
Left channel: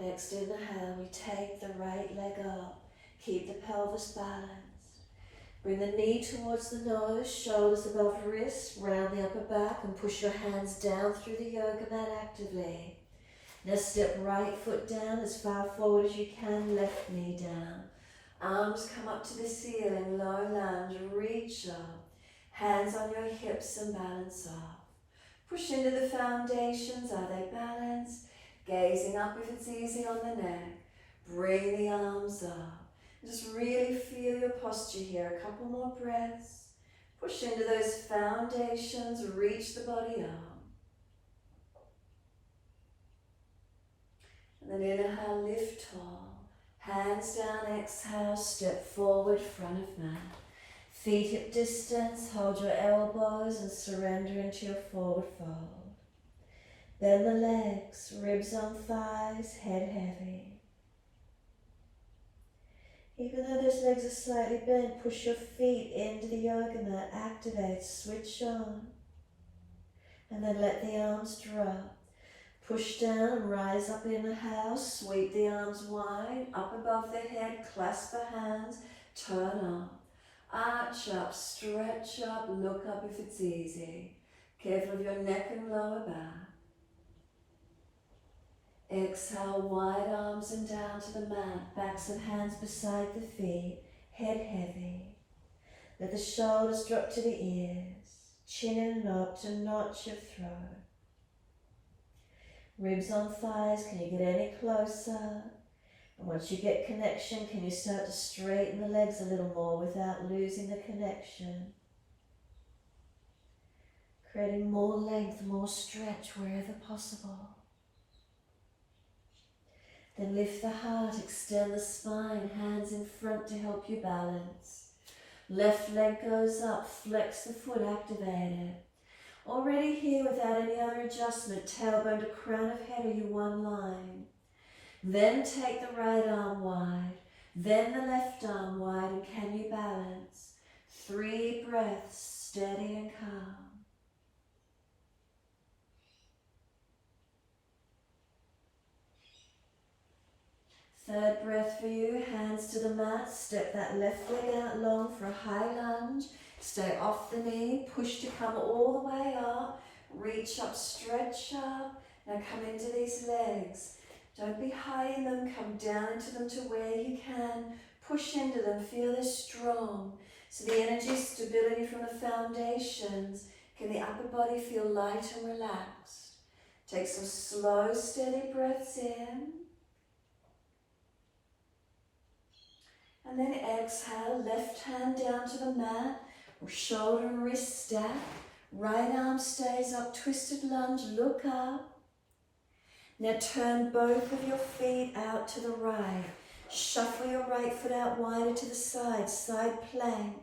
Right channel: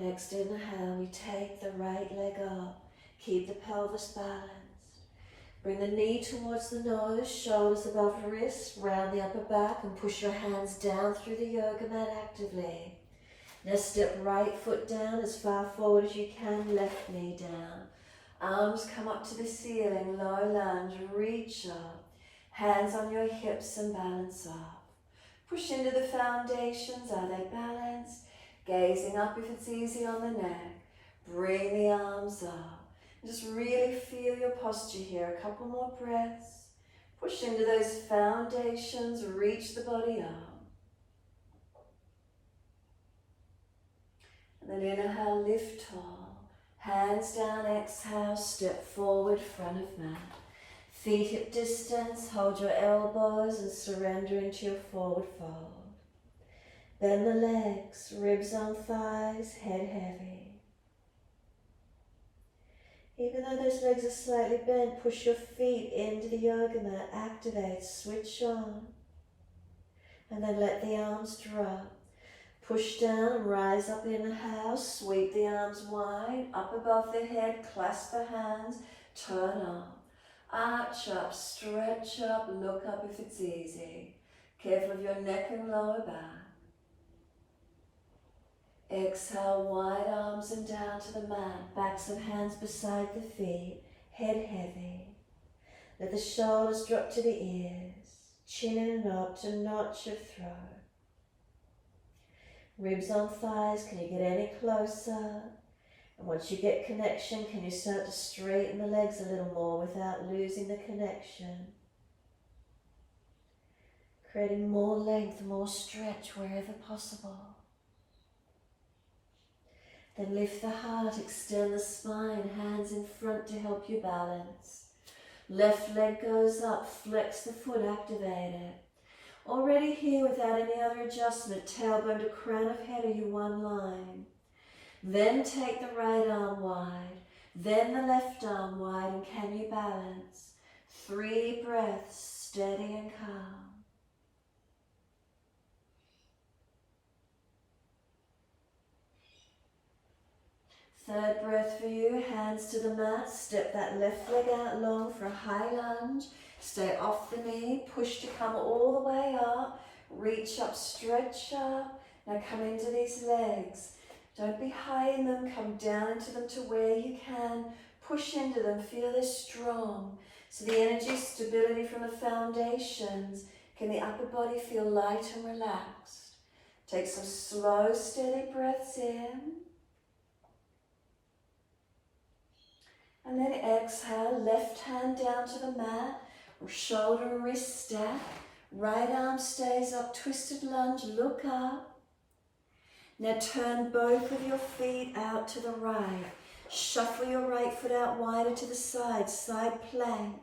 Next inhale, we take the right leg up. Keep the pelvis balanced. Bring the knee towards the nose, shoulders above wrists, round the upper back and push your hands down through the yoga mat actively. Now step right foot down as far forward as you can, left knee down. Arms come up to the ceiling, low lunge, reach up. Hands on your hips and balance off. Push into the foundations. Are they balanced? Gazing up if it's easy on the neck. Bring the arms up. Just really feel your posture here. A couple more breaths. Push into those foundations. Reach the body up. And then inhale, lift tall. Hands down, exhale, step forward, front of mat. Feet hip distance, hold your elbows and surrender into your forward fold. Bend the legs, ribs on thighs, head heavy. Even though those legs are slightly bent, push your feet into the yoga mat, activate, switch on. And then let the arms drop. Push down and rise up, inhale, sweep the arms wide, up above the head, clasp the hands, turn up. Arch up, stretch up, look up if it's easy. Careful of your neck and lower back. Exhale, wide arms and down to the mat, backs and hands beside the feet, head heavy. Let the shoulders drop to the ears, chin and up to notch your throat. Ribs on thighs, can you get any closer? And once you get connection, can you start to straighten the legs a little more without losing the connection? Creating more length, more stretch wherever possible. Then lift the heart, extend the spine, hands in front to help you balance. Left leg goes up, flex the foot, activate it. Already here without any other adjustment, tailbone to crown of head, are you one line? Then take the right arm wide, then the left arm wide, and can you balance? 3 breaths, steady and calm. Third breath for you, hands to the mat, step that left leg out long for a high lunge. Stay off the knee, push to come all the way up, reach up, stretch up. Now come into these legs. Don't be high in them, come down into them to where you can. Push into them, feel they're strong. So the energy, stability from the foundations. Can the upper body feel light and relaxed? Take some slow, steady breaths in. And then exhale, left hand down to the mat, or shoulder and wrist stack. Right arm stays up, twisted lunge, look up. Now turn both of your feet out to the right. Shuffle your right foot out wider to the side, side plank.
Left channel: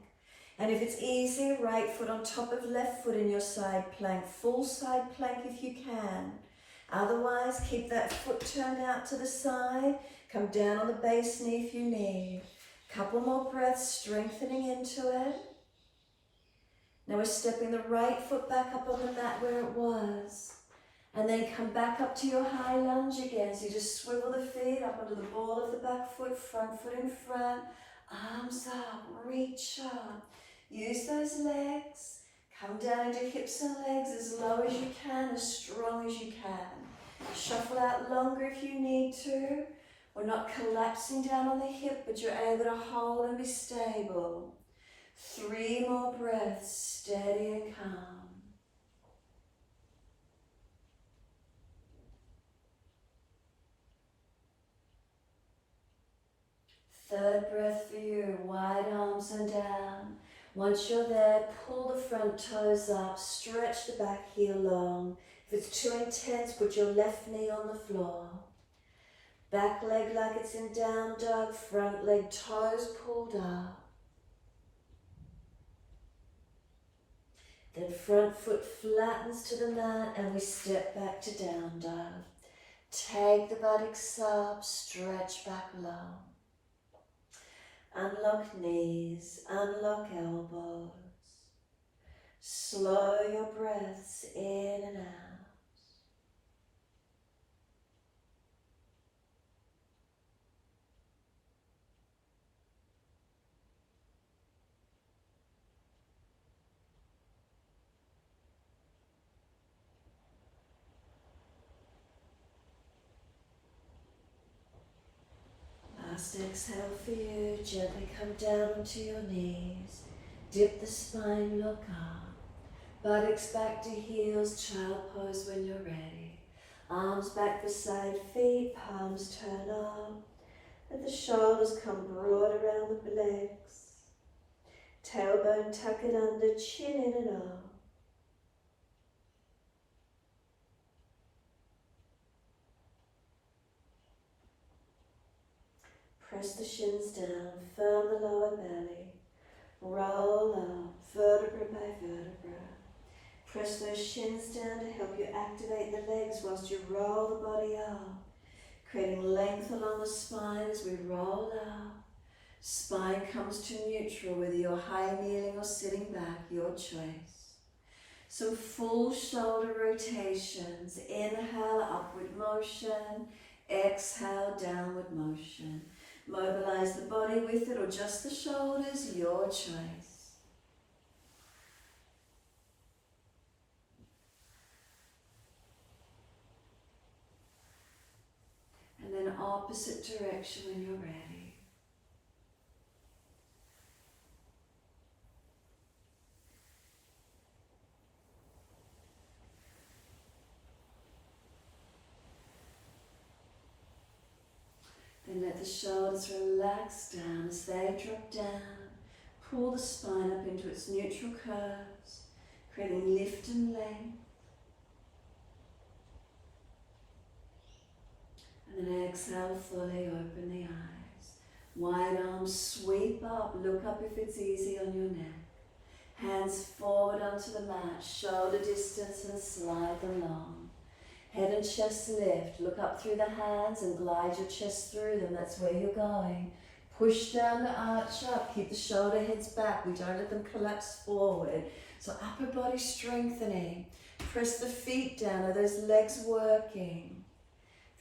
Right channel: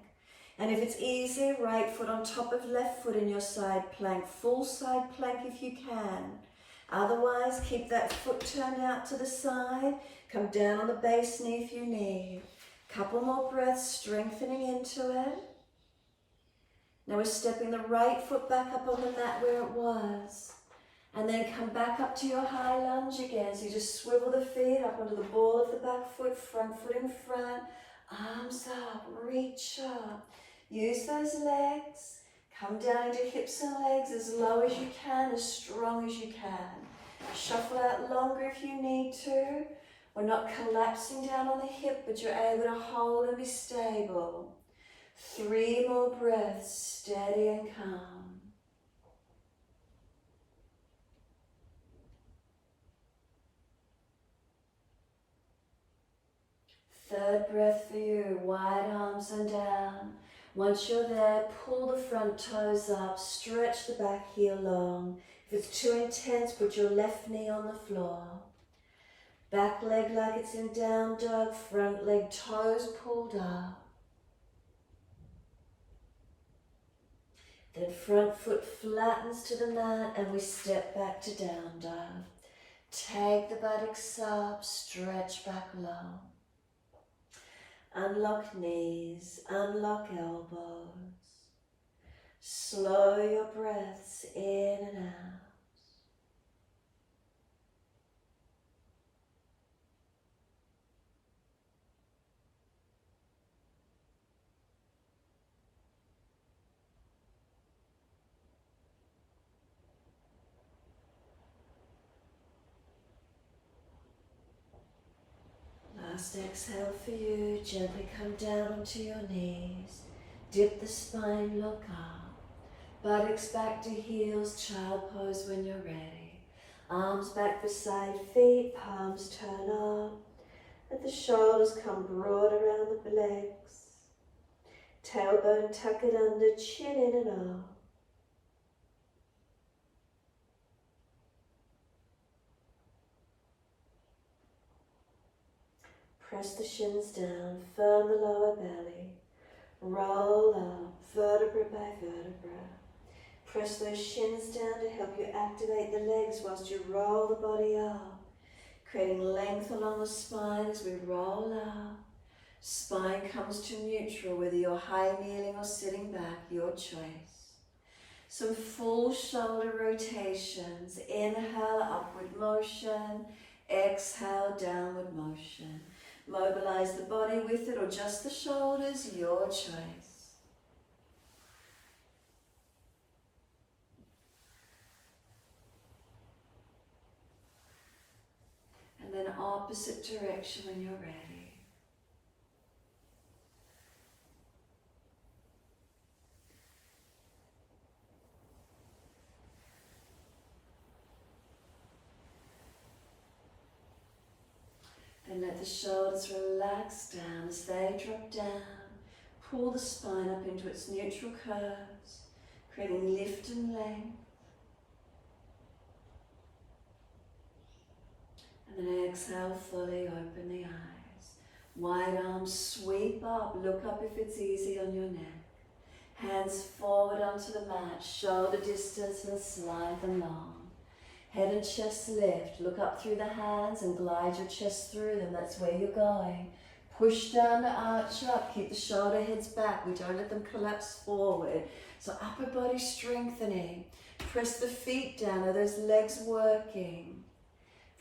And if it's easy, right foot on top of left foot in your side plank. Full side plank if you can. Otherwise, keep that foot turned out to the side. Come down on the base knee if you need. Couple more breaths, strengthening into it. Now we're stepping the right foot back up on the mat where it was. And then come back up to your high lunge again. So you just swivel the feet up onto the ball of the back foot, front foot in front. Arms up, reach up. Use those legs. Come down into hips and legs as low as you can, as strong as you can. Shuffle out longer if you need to. We're not collapsing down on the hip, but you're able to hold and be stable. 3 more breaths, steady and calm. Third breath for you, wide arms and down. Once you're there, pull the front toes up, stretch the back heel long. If it's too intense, put your left knee on the floor. Back leg like it's in down dog, front leg toes pulled up. Then front foot flattens to the mat and we step back to down dog. Take the buttocks up, stretch back low. Unlock knees, unlock elbows. Slow your breaths in and out. Last exhale for you, gently come down onto your knees, dip the spine, look up, Buttocks back to heels, child pose when you're ready. Arms back for side, feet, palms turn up. Let the shoulders come broad around the legs. Tailbone tuck it under, chin in and up. Press the shins down, firm the lower belly. Roll up, vertebra by vertebra. Press those shins down to help you activate the legs whilst you roll the body up, creating length along the spine as we roll up. Spine comes to neutral, whether you're high kneeling or sitting back, your choice. Some full shoulder rotations. Inhale, upward motion. Exhale, downward motion. Mobilize the body with it or just the shoulders, your choice. And then opposite direction when you're ready. Then let the shoulders relax down as they drop down. Pull the spine up into its neutral curves, creating lift and length. And then exhale fully, open the eyes. Wide arms sweep up, look up if it's easy on your neck. Hands forward onto the mat, shoulder distance and slide them long. Head and chest lift, look up through the hands and glide your chest through them, that's where you're going. Push down to arch up, keep the shoulder heads back, we don't let them collapse forward. So upper body strengthening, press the feet down, are those legs working?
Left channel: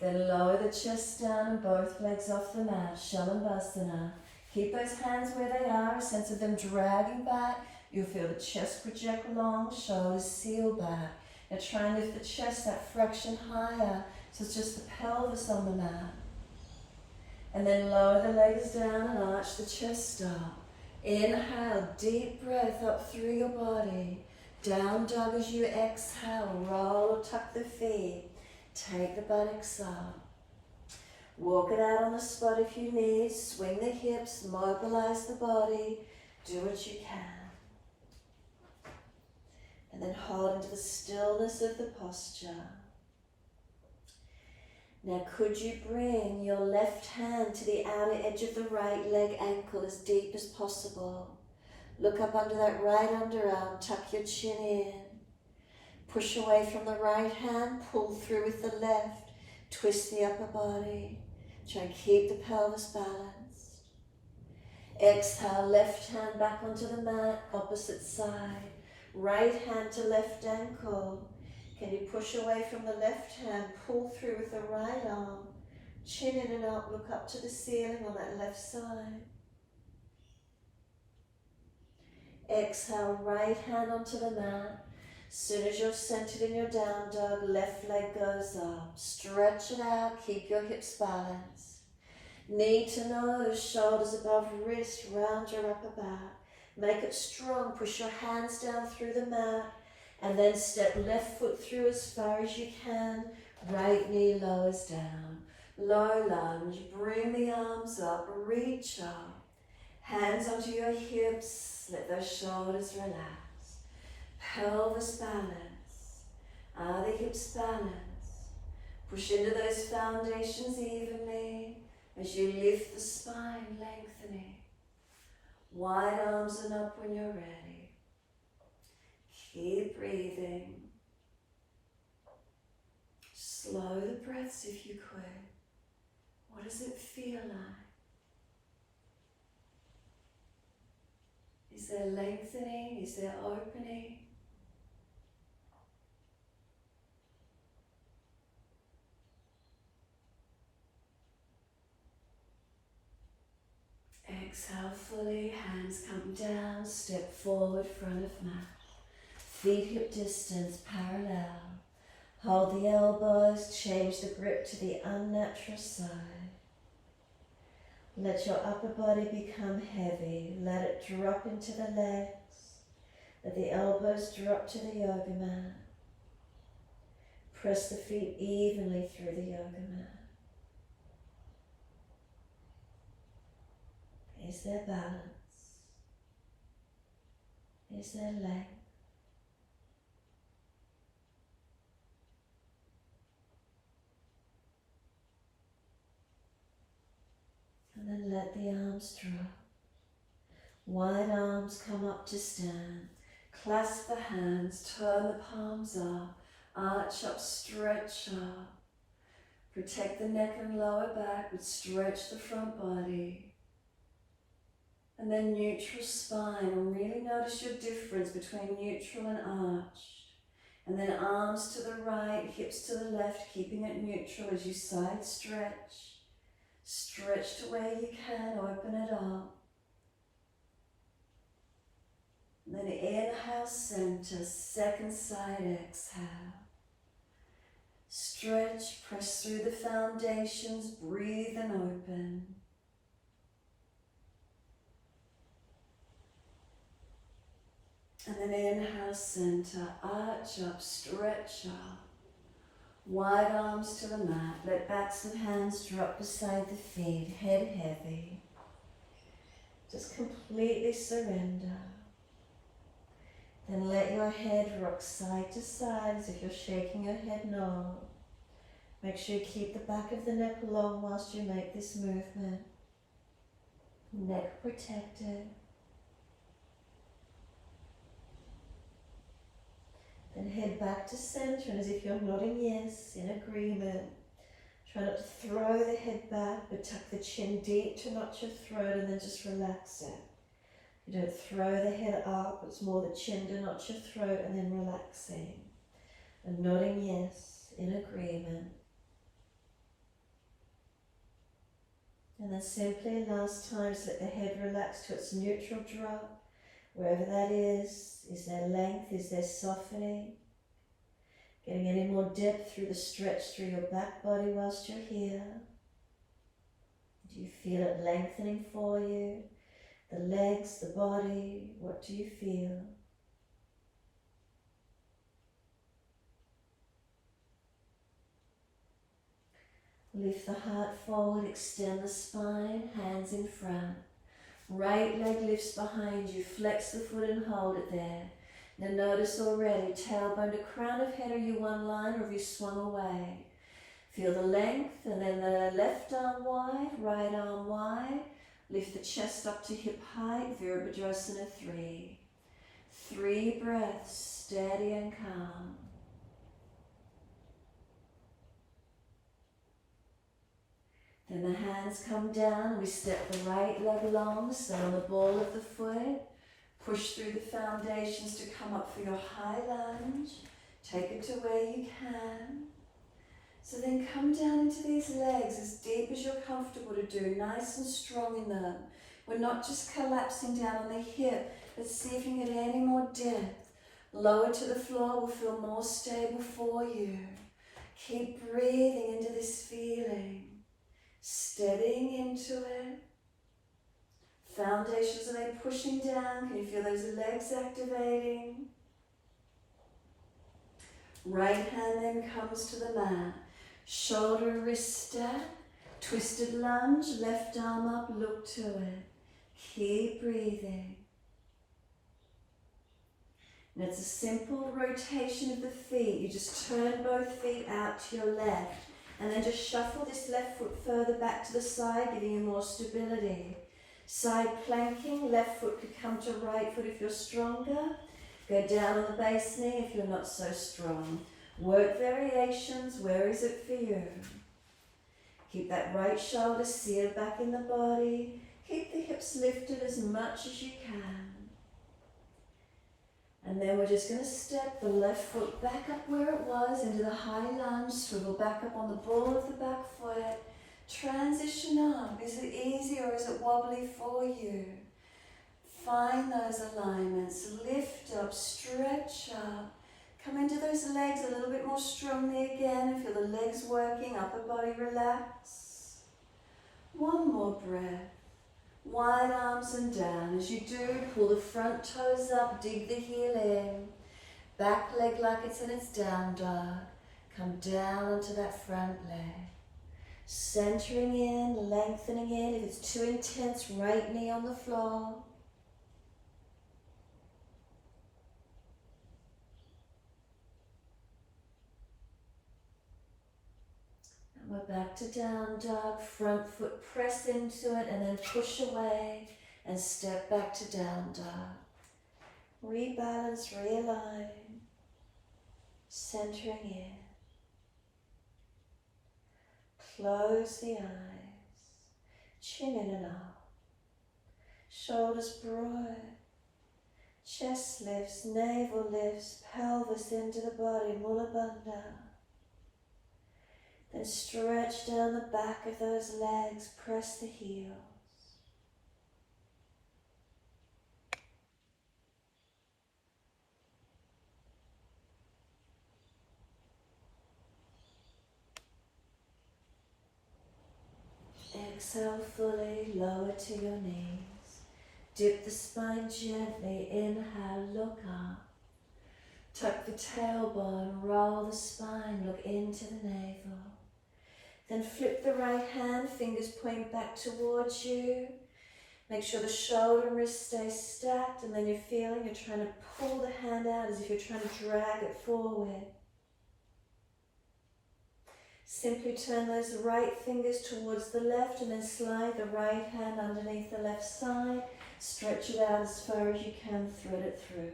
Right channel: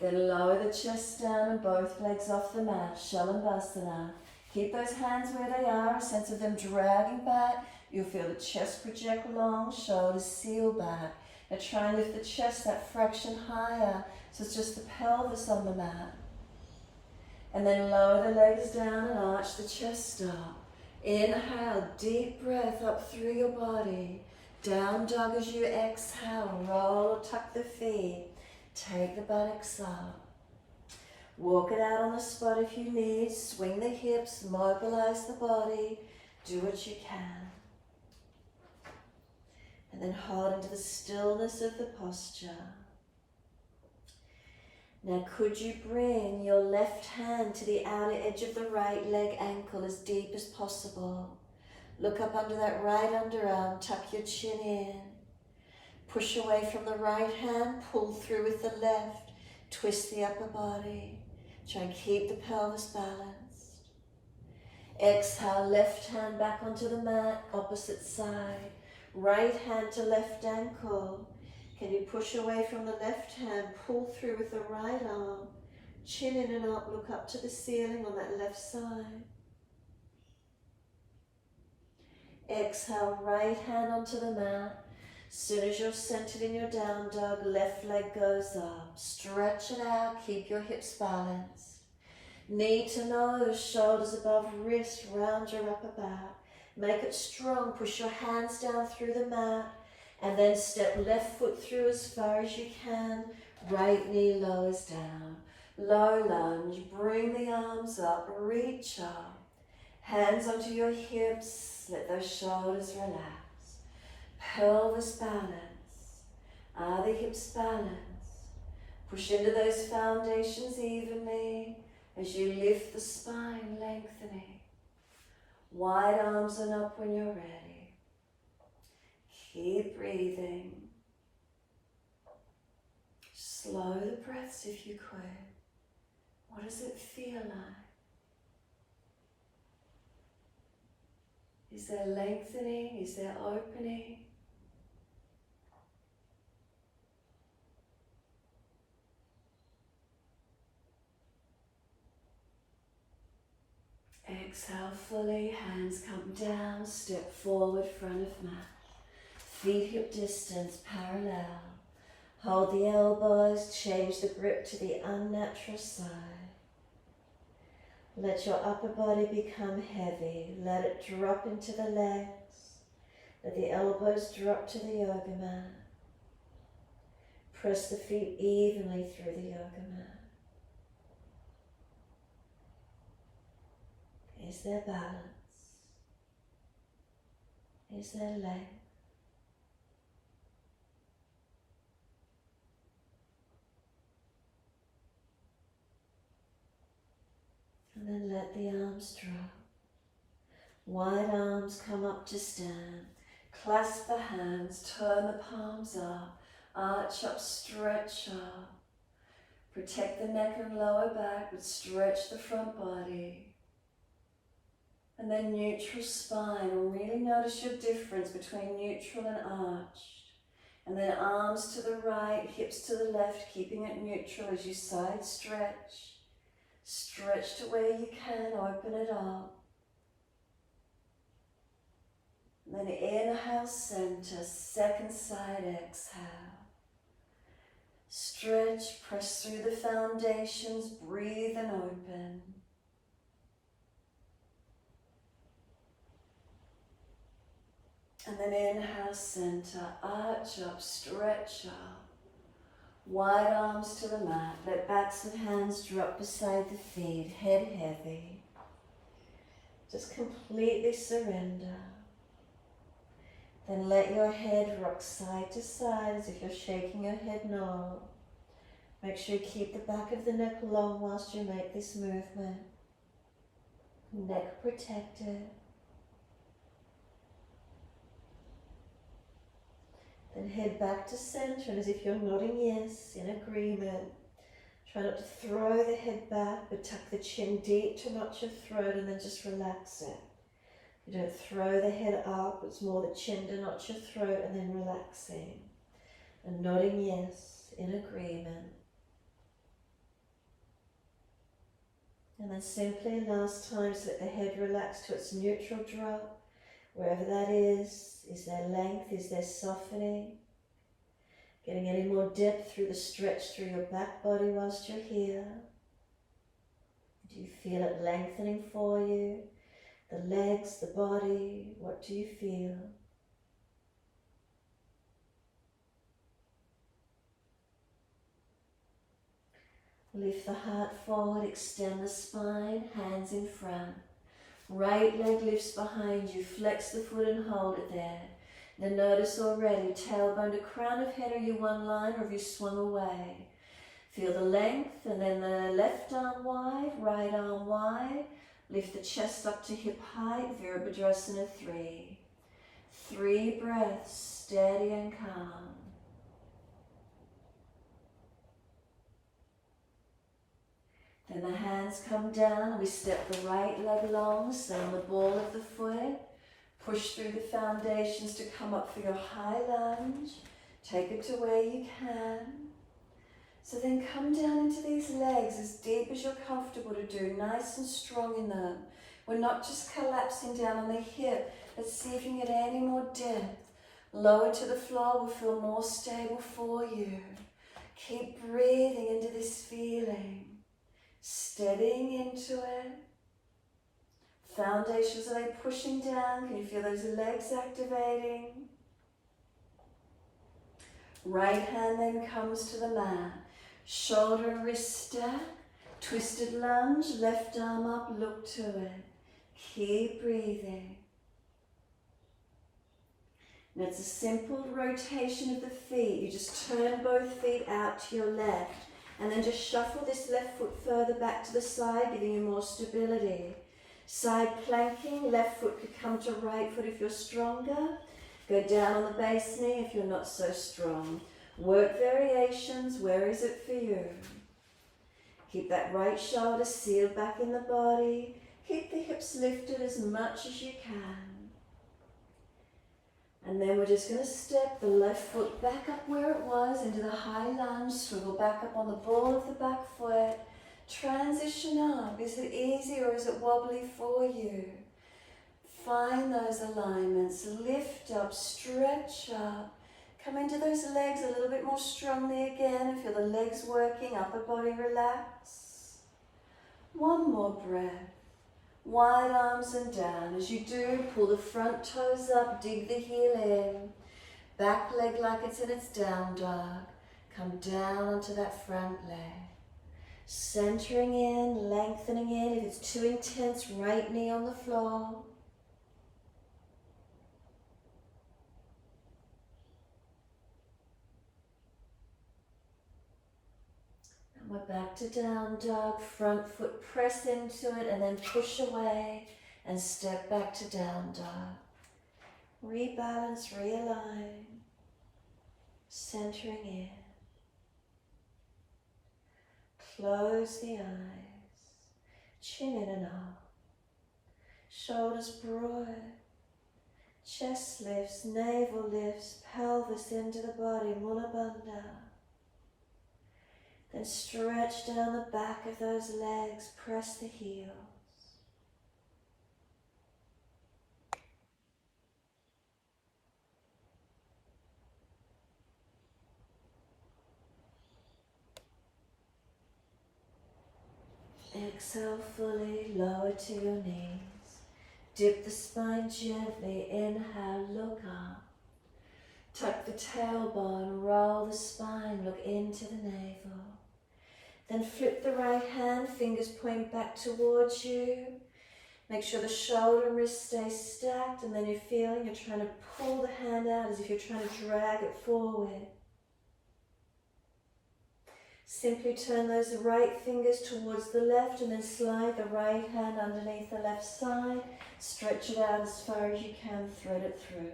Then lower the chest down and both legs off the mat, Shalabhasana. Keep those hands where they are, a sense of them dragging back. You'll feel the chest project long, shoulders seal back. Now try and lift the chest that fraction higher, so it's just the pelvis on the mat. And then lower the legs down and arch the chest up. Inhale, deep breath up through your body. Down dog as you exhale, roll or tuck the feet. Take the buttocks up. Walk it out on the spot if you need. Swing the hips, mobilize the body. Do what you can. And then hold into the stillness of the posture. Now could you bring your left hand to the outer edge of the right leg ankle as deep as possible. Look up under that right underarm, tuck your chin in. Push away from the right hand, pull through with the left. Twist the upper body. Try and keep the pelvis balanced. Exhale, left hand back onto the mat, opposite side. Right hand to left ankle. Can you push away from the left hand, pull through with the right arm, chin in and up, look up to the ceiling on that left side. Exhale, right hand onto the mat. Soon as you're centered in your down dog, left leg goes up. Stretch it out, keep your hips balanced. Knee to nose, shoulders above wrist, round your upper back. Make it strong, push your hands down through the mat, and then step left foot through as far as you can. Right knee lowers down. Low lunge, bring the arms up, reach up. Hands onto your hips, let those shoulders relax. Pelvis balance. Are the hips balanced? Push into those foundations evenly as you lift the spine, lengthening. Wide arms and up when you're ready. Keep breathing. Slow the breaths if you could. What does it feel like? Is there lengthening? Is there opening? Exhale fully, hands come down, step forward, front of mat. Feet hip distance, parallel. Hold the elbows, change the grip to the unnatural side. Let your upper body become heavy. Let it drop into the legs. Let the elbows drop to the yoga mat. Press the feet evenly through the yoga mat. Is there balance? Is there length? And then let the arms drop. Wide arms come up to stand. Clasp the hands, turn the palms up, arch up, stretch up. Protect the neck and lower back, but stretch the front body. And then neutral spine, and really notice your difference between neutral and arched. And then arms to the right, hips to the left, keeping it neutral as you side stretch. Stretch to where you can, open it up. And then inhale, center, second side, exhale. Stretch, press through the foundations, breathe and open. And then inhale, center, arch up, stretch up. Wide arms to the mat, let backs and hands drop beside the feet, head heavy. Just completely surrender. Then let your head rock side to side as if you're shaking your head no. Make sure you keep the back of the neck long whilst you make this movement. Neck protected. Then head back to center as if you're nodding yes, in agreement. Try not to throw the head back, but tuck the chin deep to notch your throat and then just relax it. You don't throw the head up, it's more the chin to notch your throat and then relaxing. And nodding yes, in agreement. And then simply last times let the head relax to its neutral drop. Wherever that is there length, is there softening? Getting any more depth through the stretch through your back body whilst you're here? Do you feel it lengthening for you? The legs, the body, what do you feel? Lift the heart forward, extend the spine, hands in front. Right leg lifts behind you, flex the foot and hold it there. Now notice already, tailbone to crown of head, are you one line or have you swung away? Feel the length and then the left arm wide, right arm wide. Lift the chest up to hip height, Virabhadrasana 3. 3 breaths, steady and calm. Then the hands come down, we step the right leg long, stay on the ball of the foot. Push through the foundations to come up for your high lunge. Take it to where you can. So then come down into these legs as deep as you're comfortable to do, nice and strong in them. We're not just collapsing down on the hip. Let's see if you can get any more depth. Lower to the floor will feel more stable for you. Keep breathing into this feeling. Steadying into it. Foundations, are they pushing down? Can you feel those legs activating? Right hand then comes to the mat. Shoulder and wrist stack. Twisted lunge, left arm up, look to it. Keep breathing. And it's a simple rotation of the feet. You just turn both feet out to your left. And then just shuffle this left foot further back to the side, giving you more stability. Side planking, left foot could come to right foot if you're stronger. Go down on the base knee if you're not so strong. Work variations, where is it for you? Keep that right shoulder sealed back in the body. Keep the hips lifted as much as you can. And then we're just going to step the left foot back up where it was into the high lunge, swivel back up on the ball of the back foot. Transition up. Is it easy or is it wobbly for you? Find those alignments. Lift up, stretch up. Come into those legs a little bit more strongly again. Feel the legs working, upper body relax. One more breath. Wide arms and down. As you do, pull the front toes up, dig the heel in. Back leg like it's in its down dog. Come down onto that front leg. Centering in, lengthening in. If it's too intense, right knee on the floor. And we're back to down dog. Front foot press into it and then push away and step back to down dog. Rebalance, realign. Centering in. Close the eyes. Chin in and up. Shoulders broad. Chest lifts, navel lifts, pelvis into the body, Mula Bandha. Then stretch down the back of those legs, press the heels. Exhale fully, lower to your knees. Dip the spine gently, inhale, look up. Tuck the tailbone, roll the spine, look into the navel. Then flip the right hand, fingers point back towards you. Make sure the shoulder and wrist stay stacked, and then you're feeling you're trying to pull the hand out as if you're trying to drag it forward. Simply turn those right fingers towards the left and then slide the right hand underneath the left side. Stretch it out as far as you can, thread it through.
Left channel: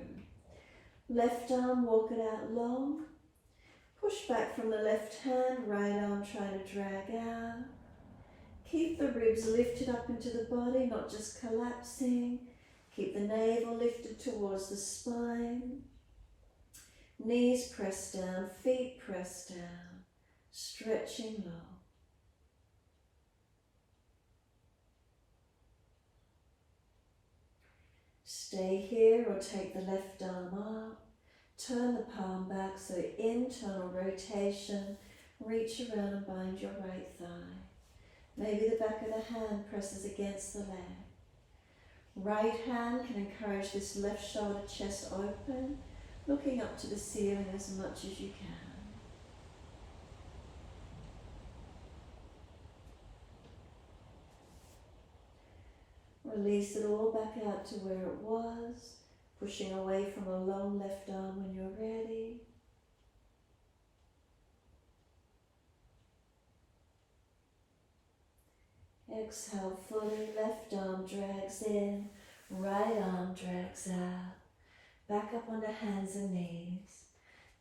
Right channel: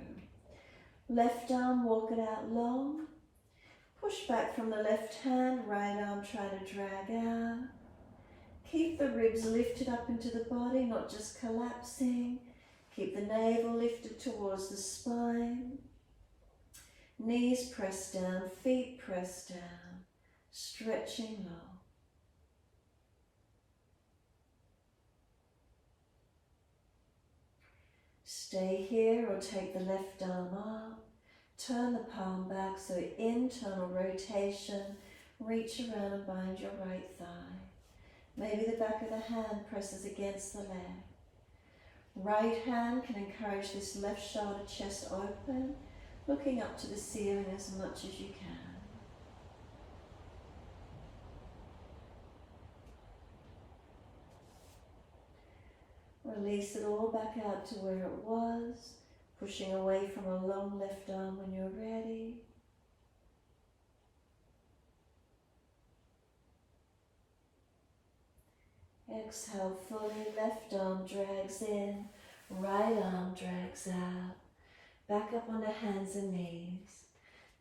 Left arm, walk it out long. Push back from the left hand, right arm try to drag out. Keep the ribs lifted up into the body, not just collapsing. Keep the navel lifted towards the spine. Knees pressed down, feet pressed down, stretching low. Stay here or take the left arm up. Turn the palm back, so internal rotation. Reach around and bind your right thigh. Maybe the back of the hand presses against the leg. Right hand can encourage this left shoulder, chest open, looking up to the ceiling as much as you can. Release it all back out to where it was, pushing away from a long left arm when you're ready. Exhale fully, left arm drags in, right arm drags out. Back up onto hands and knees.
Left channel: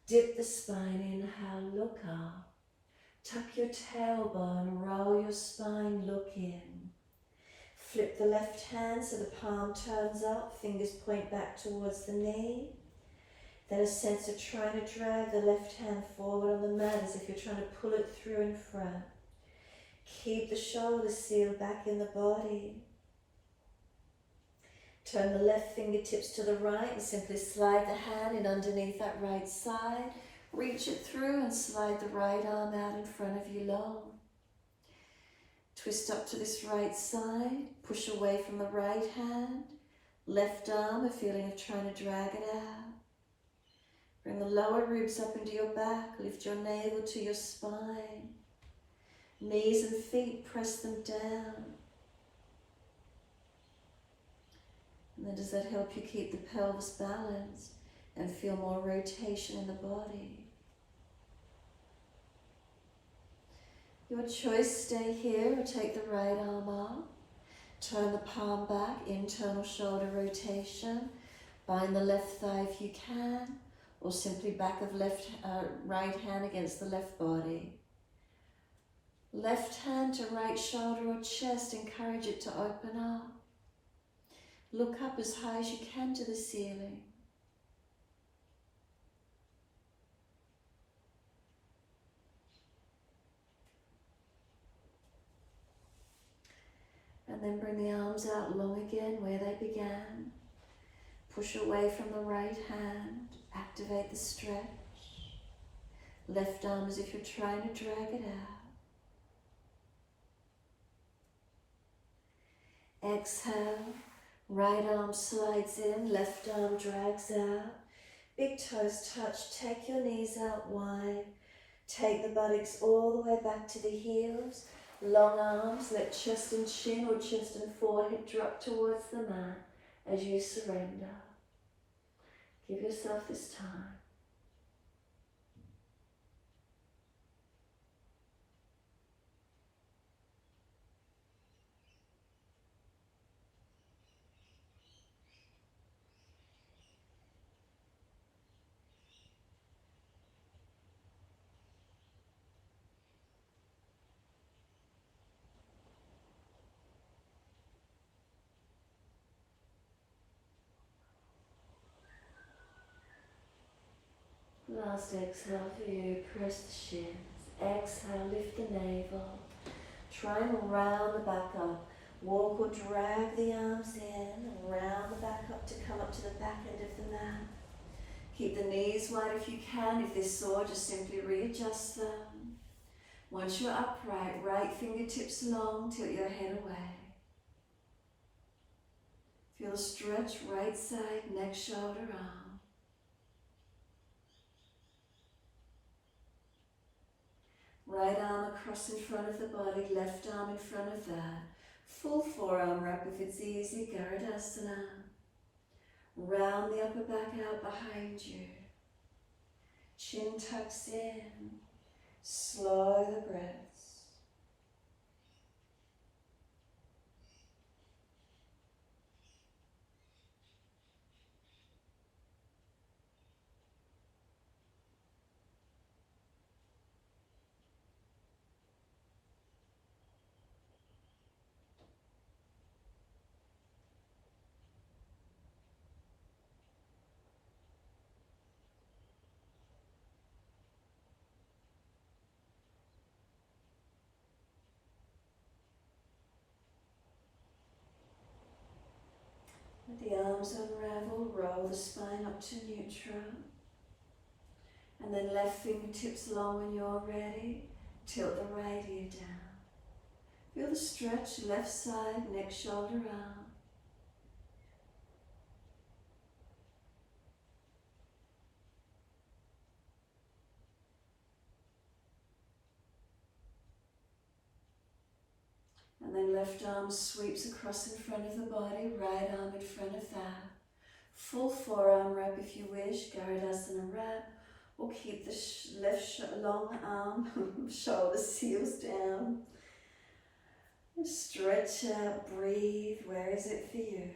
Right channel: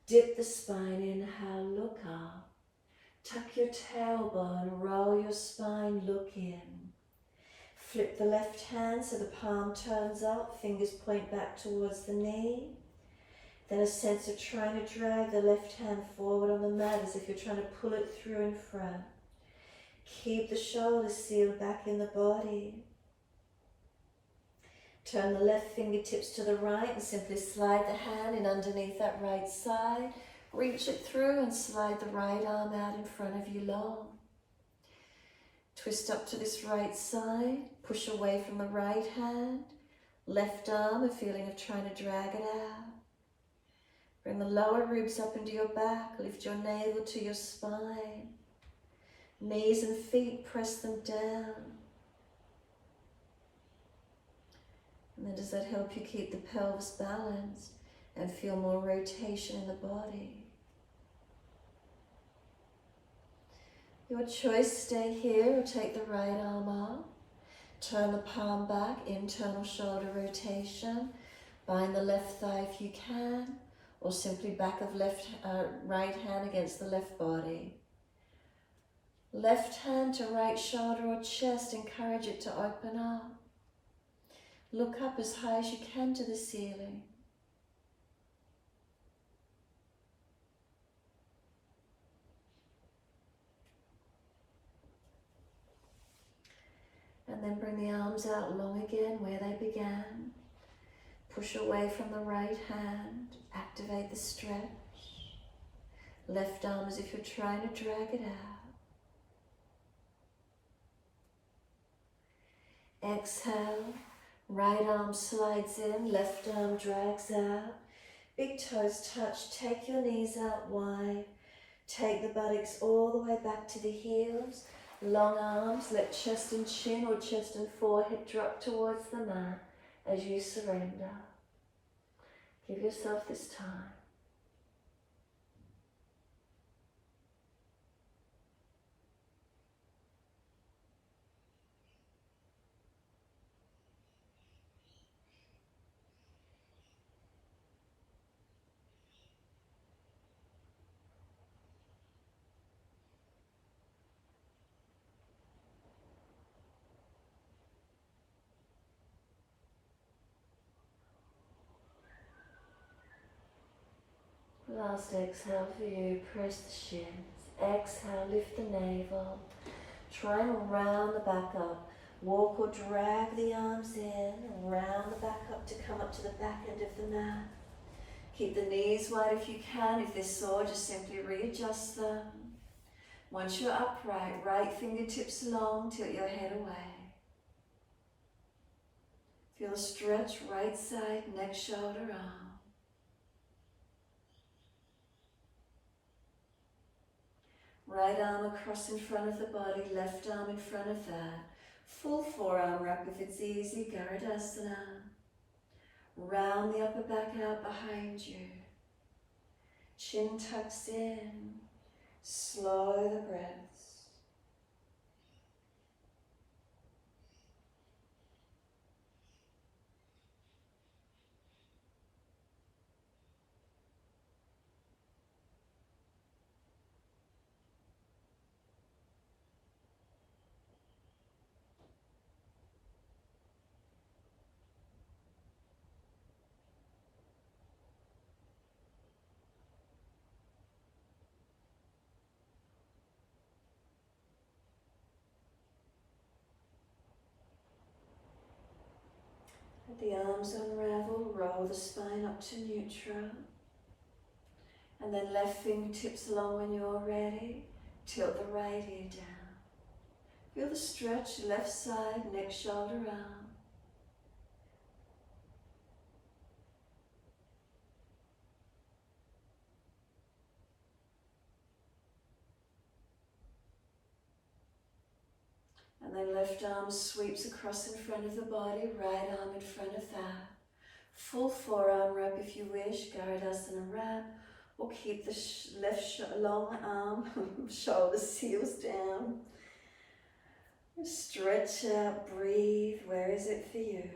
Dip the spine, inhale, look up. Tuck your tailbone, roll your spine, look in. Flip the left hand so the palm turns up, fingers point back towards the knee. Then a sense of trying to drag the left hand forward on the mat as if you're trying to pull it through in front. Keep the shoulders sealed back in the body. Turn the left fingertips to the right and simply slide the hand in underneath that right side. Reach it through and slide the right arm out in front of you long. Twist up to this right side, push away from the right hand. Left arm, a feeling of trying to drag it out. Bring the lower ribs up into your back, lift your navel to your spine. Knees and feet, press them down. And then does that help you keep the pelvis balanced and feel more rotation in the body? Your choice, stay here or take the right arm up. Turn the palm back, internal shoulder rotation. Bind the left thigh if you can, or simply back of right hand against the left body. Left hand to right shoulder or chest, encourage it to open up. Look up as high as you can to the ceiling. And then bring the arms out long again where they began. Push away from the right hand, activate the stretch. Left arm as if you're trying to drag it out. Exhale, right arm slides in, left arm drags out. Big toes touch, take your knees out wide. Take the buttocks all the way back to the heels. Long arms, let chest and chin or chest and forehead drop towards the mat as you surrender. Give yourself this time. Last exhale for you, press the shins. Exhale, lift the navel. Try and round the back up. Walk or drag the arms in and round the back up to come up to the back end of the mat. Keep the knees wide if you can. If they're sore, just simply readjust them. Once you're upright, right fingertips long, tilt your head away. Feel a stretch, right side, neck, shoulder, arm. Right arm across in front of the body, left arm in front of that. Full forearm wrap if it's easy, Garudasana. Round the upper back out behind you. Chin tucks in. Slow the breaths. Let the arms unravel, roll the spine up to neutral. And then left fingertips long when you're ready. Tilt the right ear down. Feel the stretch, left side, neck, shoulder, arm. And then left arm sweeps across in front of the body, right arm in front of that. Full forearm wrap if you wish, Garudasana wrap, or keep the left long arm, shoulders, heels down. Stretch out, breathe. Where is it for you?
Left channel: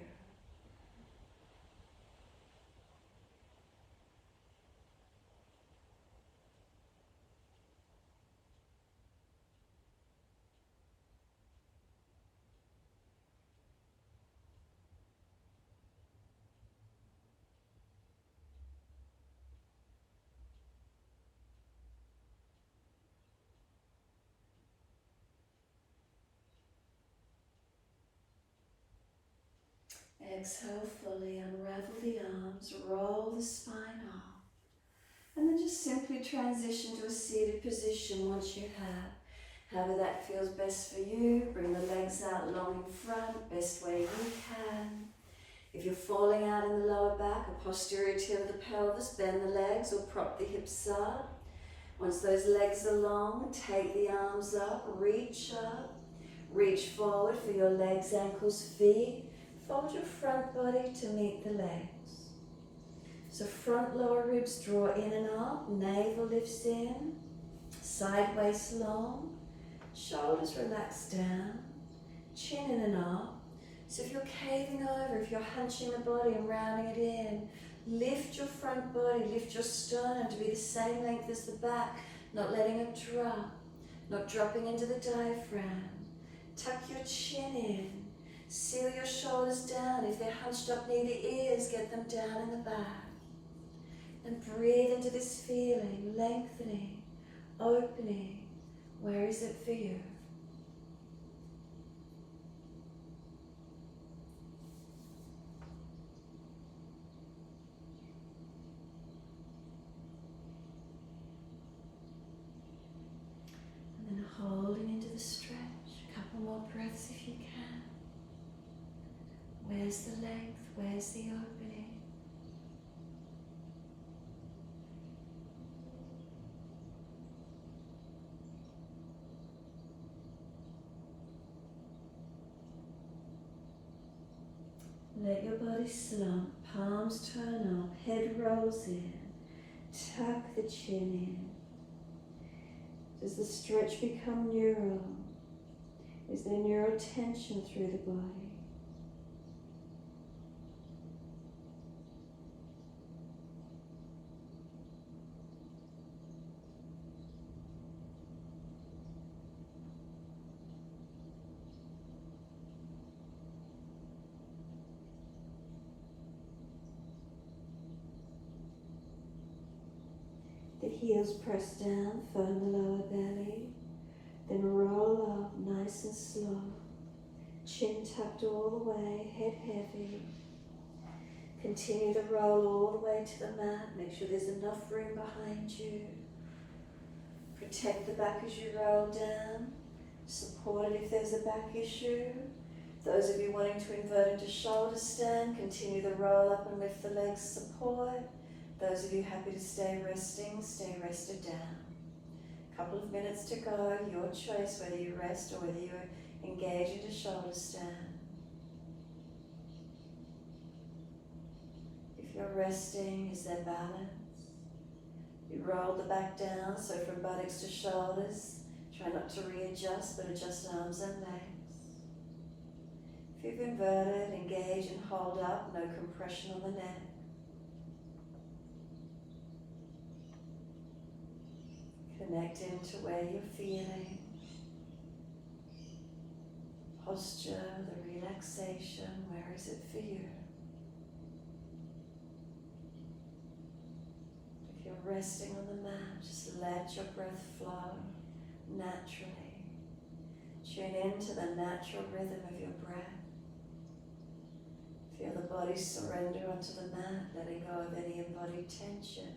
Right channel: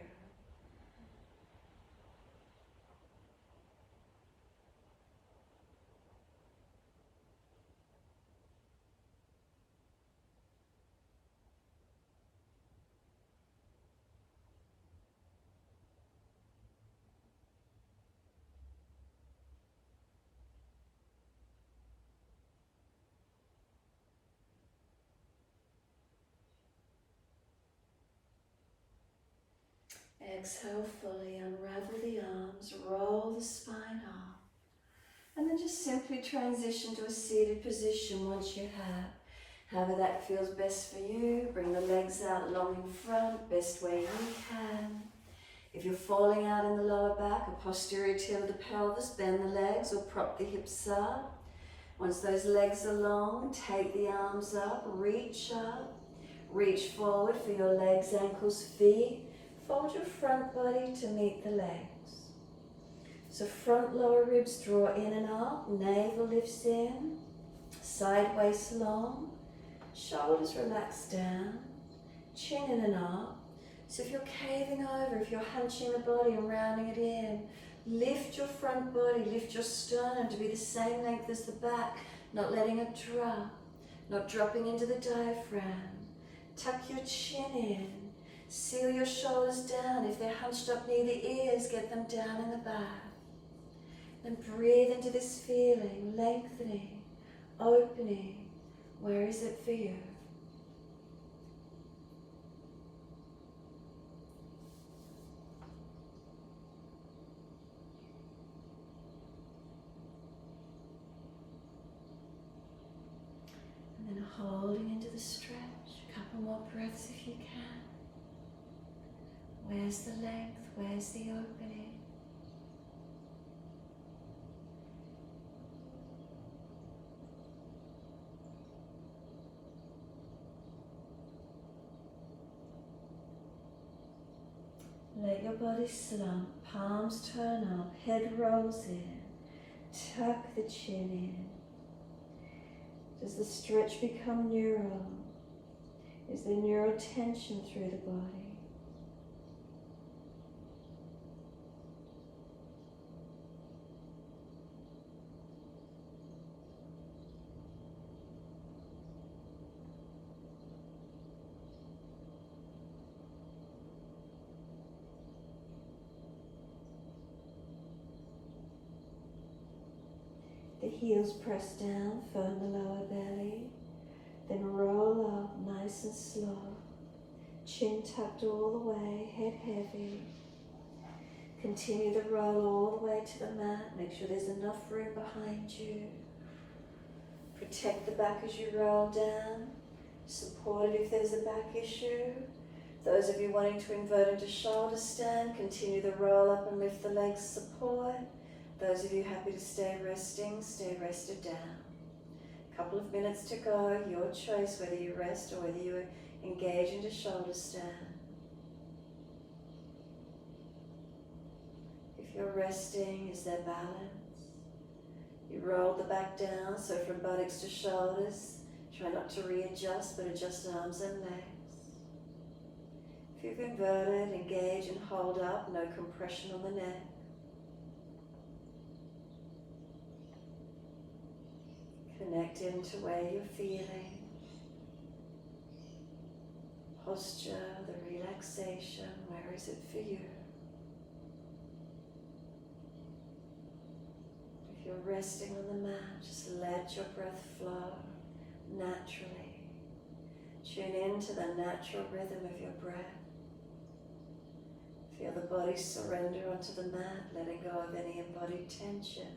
Exhale fully, unravel the arms, roll the spine off. And then just simply transition to a seated position once you have. However that feels best for you. Bring the legs out long in front, best way you can. If you're falling out in the lower back, a posterior tilt of the pelvis, bend the legs or prop the hips up. Once those legs are long, take the arms up, reach forward for your legs, ankles, feet. Fold your front body to meet the legs. So front lower ribs draw in and up, navel lifts in, sideways long, shoulders relax down, chin in and up. So if you're caving over, if you're hunching the body and rounding it in, lift your front body, lift your sternum to be the same length as the back, not letting it drop, not dropping into the diaphragm. Tuck your chin in. Seal your shoulders down. If they're hunched up near the ears, get them down in the back. And breathe into this feeling, lengthening, opening. Where is it for you? And then holding into the stretch. A couple more breaths if you can. Where's the length? Where's the opening? Let your body slump, palms turn up, head rolls in, tuck the chin in. Does the stretch become neural? Is there neural tension through the body? The heels press down, firm the lower belly, then roll up nice and slow. Chin tucked all the way, head heavy. Continue to roll all the way to the mat. Make sure there's enough room behind you. Protect the back as you roll down. Support it if there's a back issue. Those of you wanting to invert into shoulder stand, continue to roll up and lift the legs, support. Those of you happy to stay resting, stay rested down. A couple of minutes to go, your choice whether you rest or whether you engage into shoulder stand. If you're resting, is there balance? You roll the back down, so from buttocks to shoulders, try not to readjust, but adjust arms and legs. If you've inverted, engage and hold up, no compression on the neck. Connect into where you're feeling. Posture, the relaxation, where is it for you? If you're resting on the mat, just let your breath flow naturally. Tune into the natural rhythm of your breath. Feel the body surrender onto the mat, letting go of any embodied tension.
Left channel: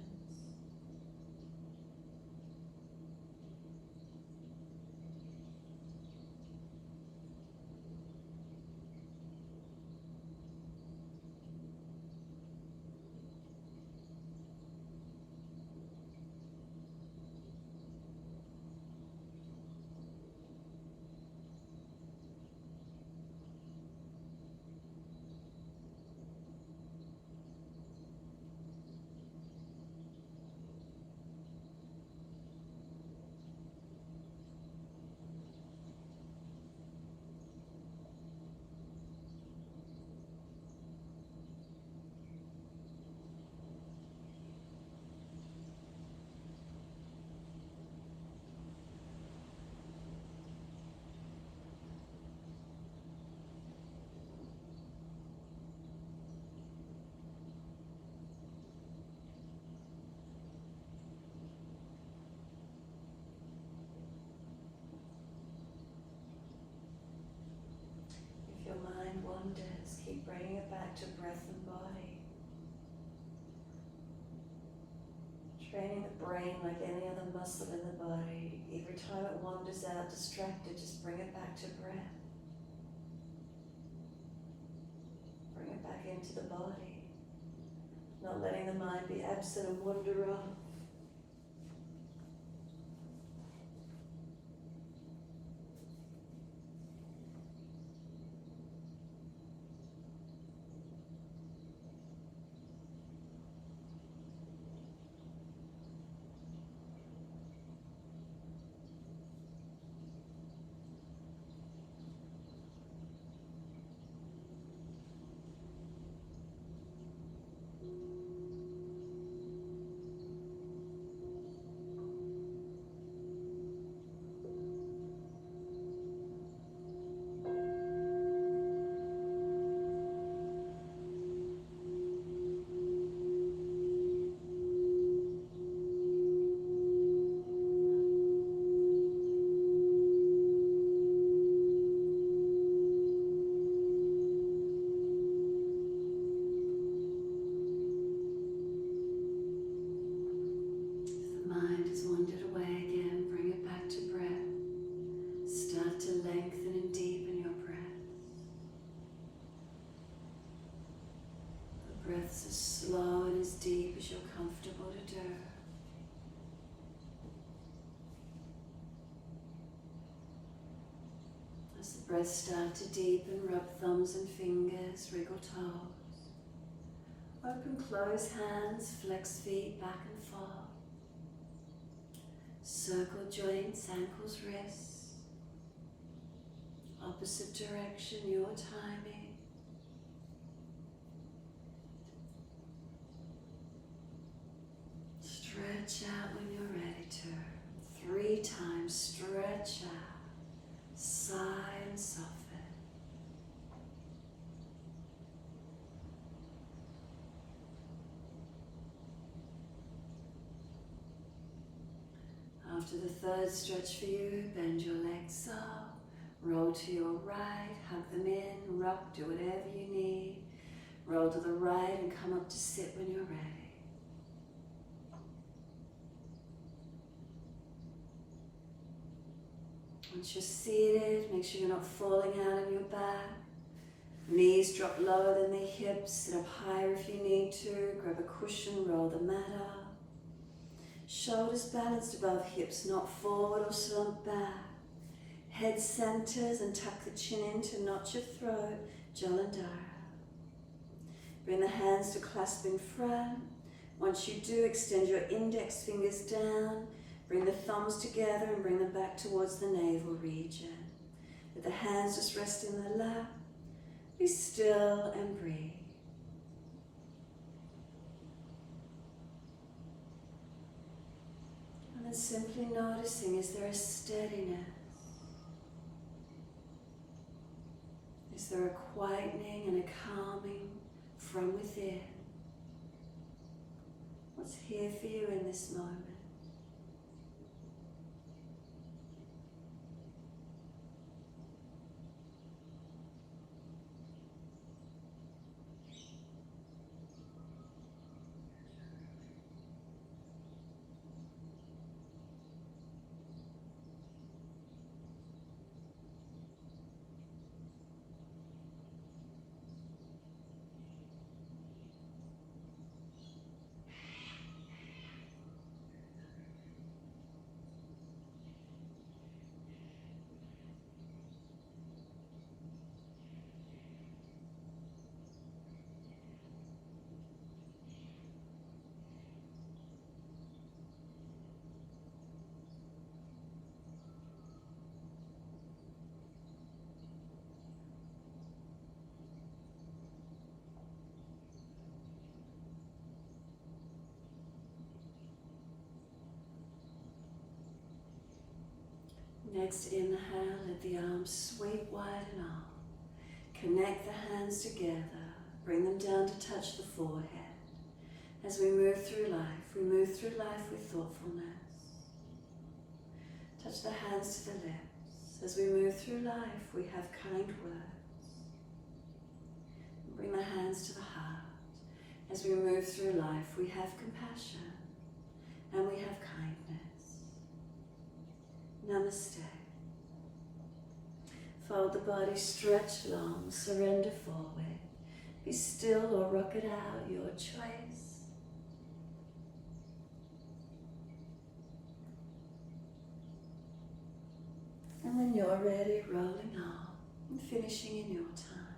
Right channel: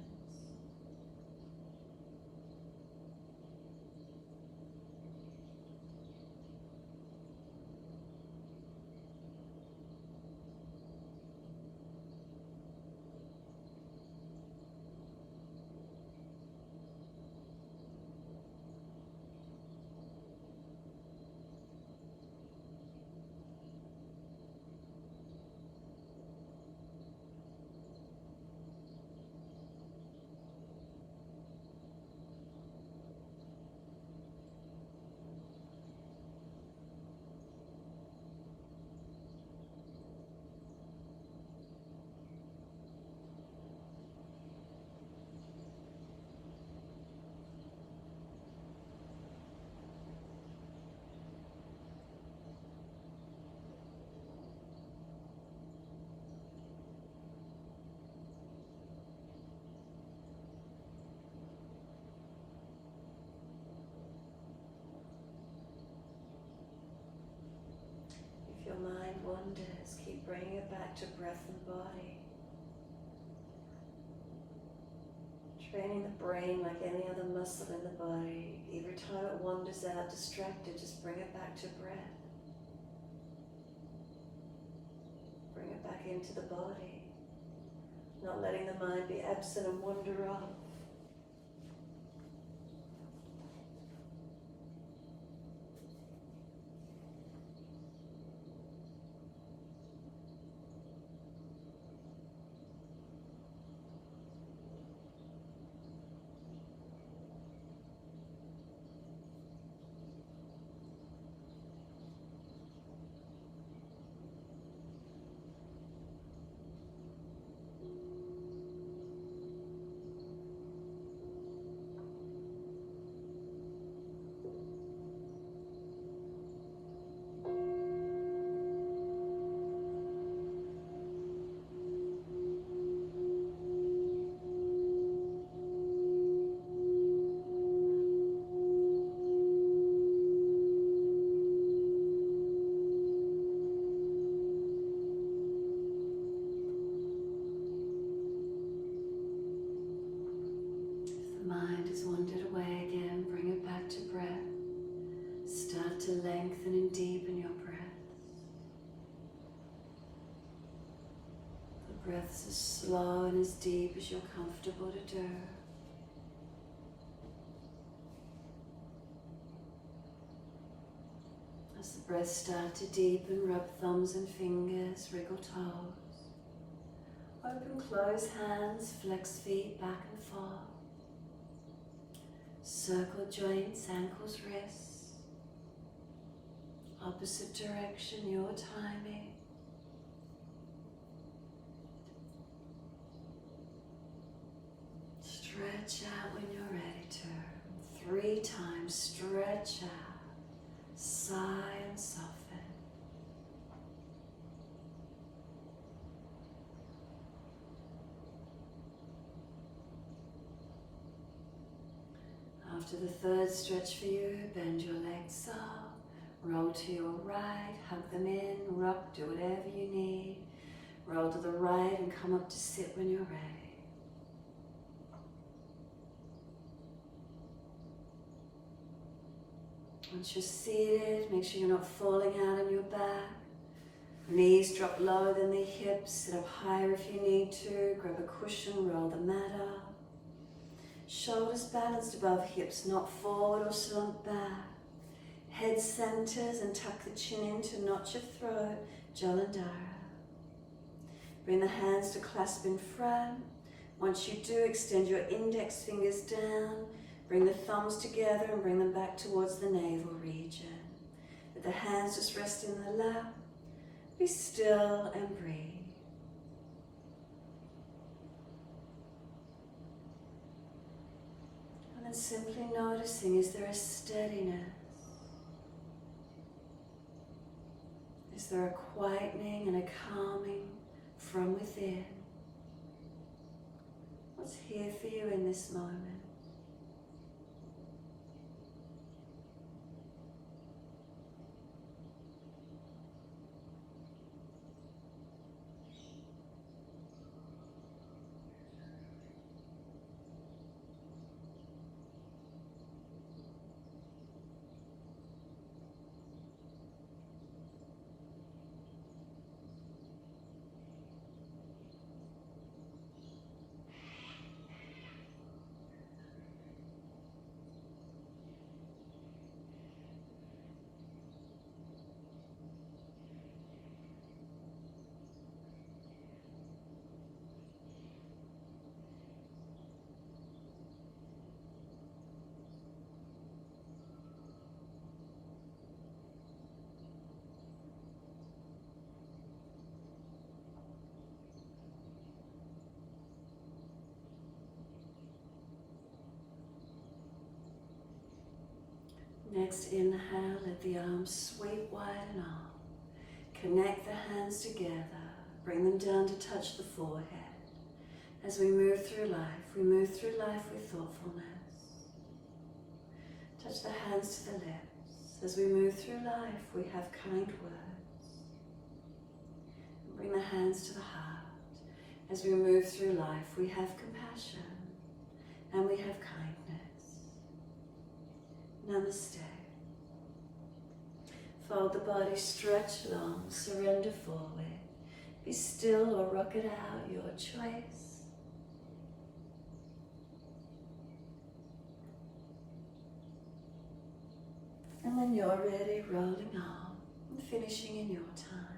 If your mind wanders, keep bringing it back to breath and body. Training the brain like any other muscle in the body. Every time it wanders out distracted, just bring it back to breath. Bring it back into the body. Not letting the mind be absent and wander off. Breaths as slow and as deep as you're comfortable to do. As the breath starts to deepen, rub thumbs and fingers, wriggle toes. Open, close hands, flex feet back and forth. Circle joints, ankles, wrists. Opposite direction, your timing. Stretch out when you're ready to. 3 times, stretch out. Sigh and soften. After the third stretch for you, bend your legs up, roll to your right, hug them in, rock, do whatever you need. Roll to the right and come up to sit when you're ready. Once you're seated, make sure you're not falling out on your back. Knees drop lower than the hips, sit up higher if you need to. Grab a cushion, roll the mat up. Shoulders balanced above hips, not forward or slumped back. Head centers and tuck the chin in to notch your throat, Jalandhara. Bring the hands to clasp in front. Once you do, extend your index fingers down. Bring the thumbs together and bring them back towards the navel region. Let the hands just rest in the lap. Be still and breathe. And then simply noticing, is there a steadiness? Is there a quietening and a calming from within? What's here for you in this moment? Next inhale, let the arms sweep wide and up. Connect the hands together, bring them down to touch the forehead. As we move through life with thoughtfulness. Touch the hands to the lips. As we move through life, we have kind words. Bring the hands to the heart. As we move through life, we have compassion and we have kindness. Namaste. Fold the body, stretch long, surrender forward. Be still or rock it out, your choice. And when you're ready, rolling on and finishing in your time.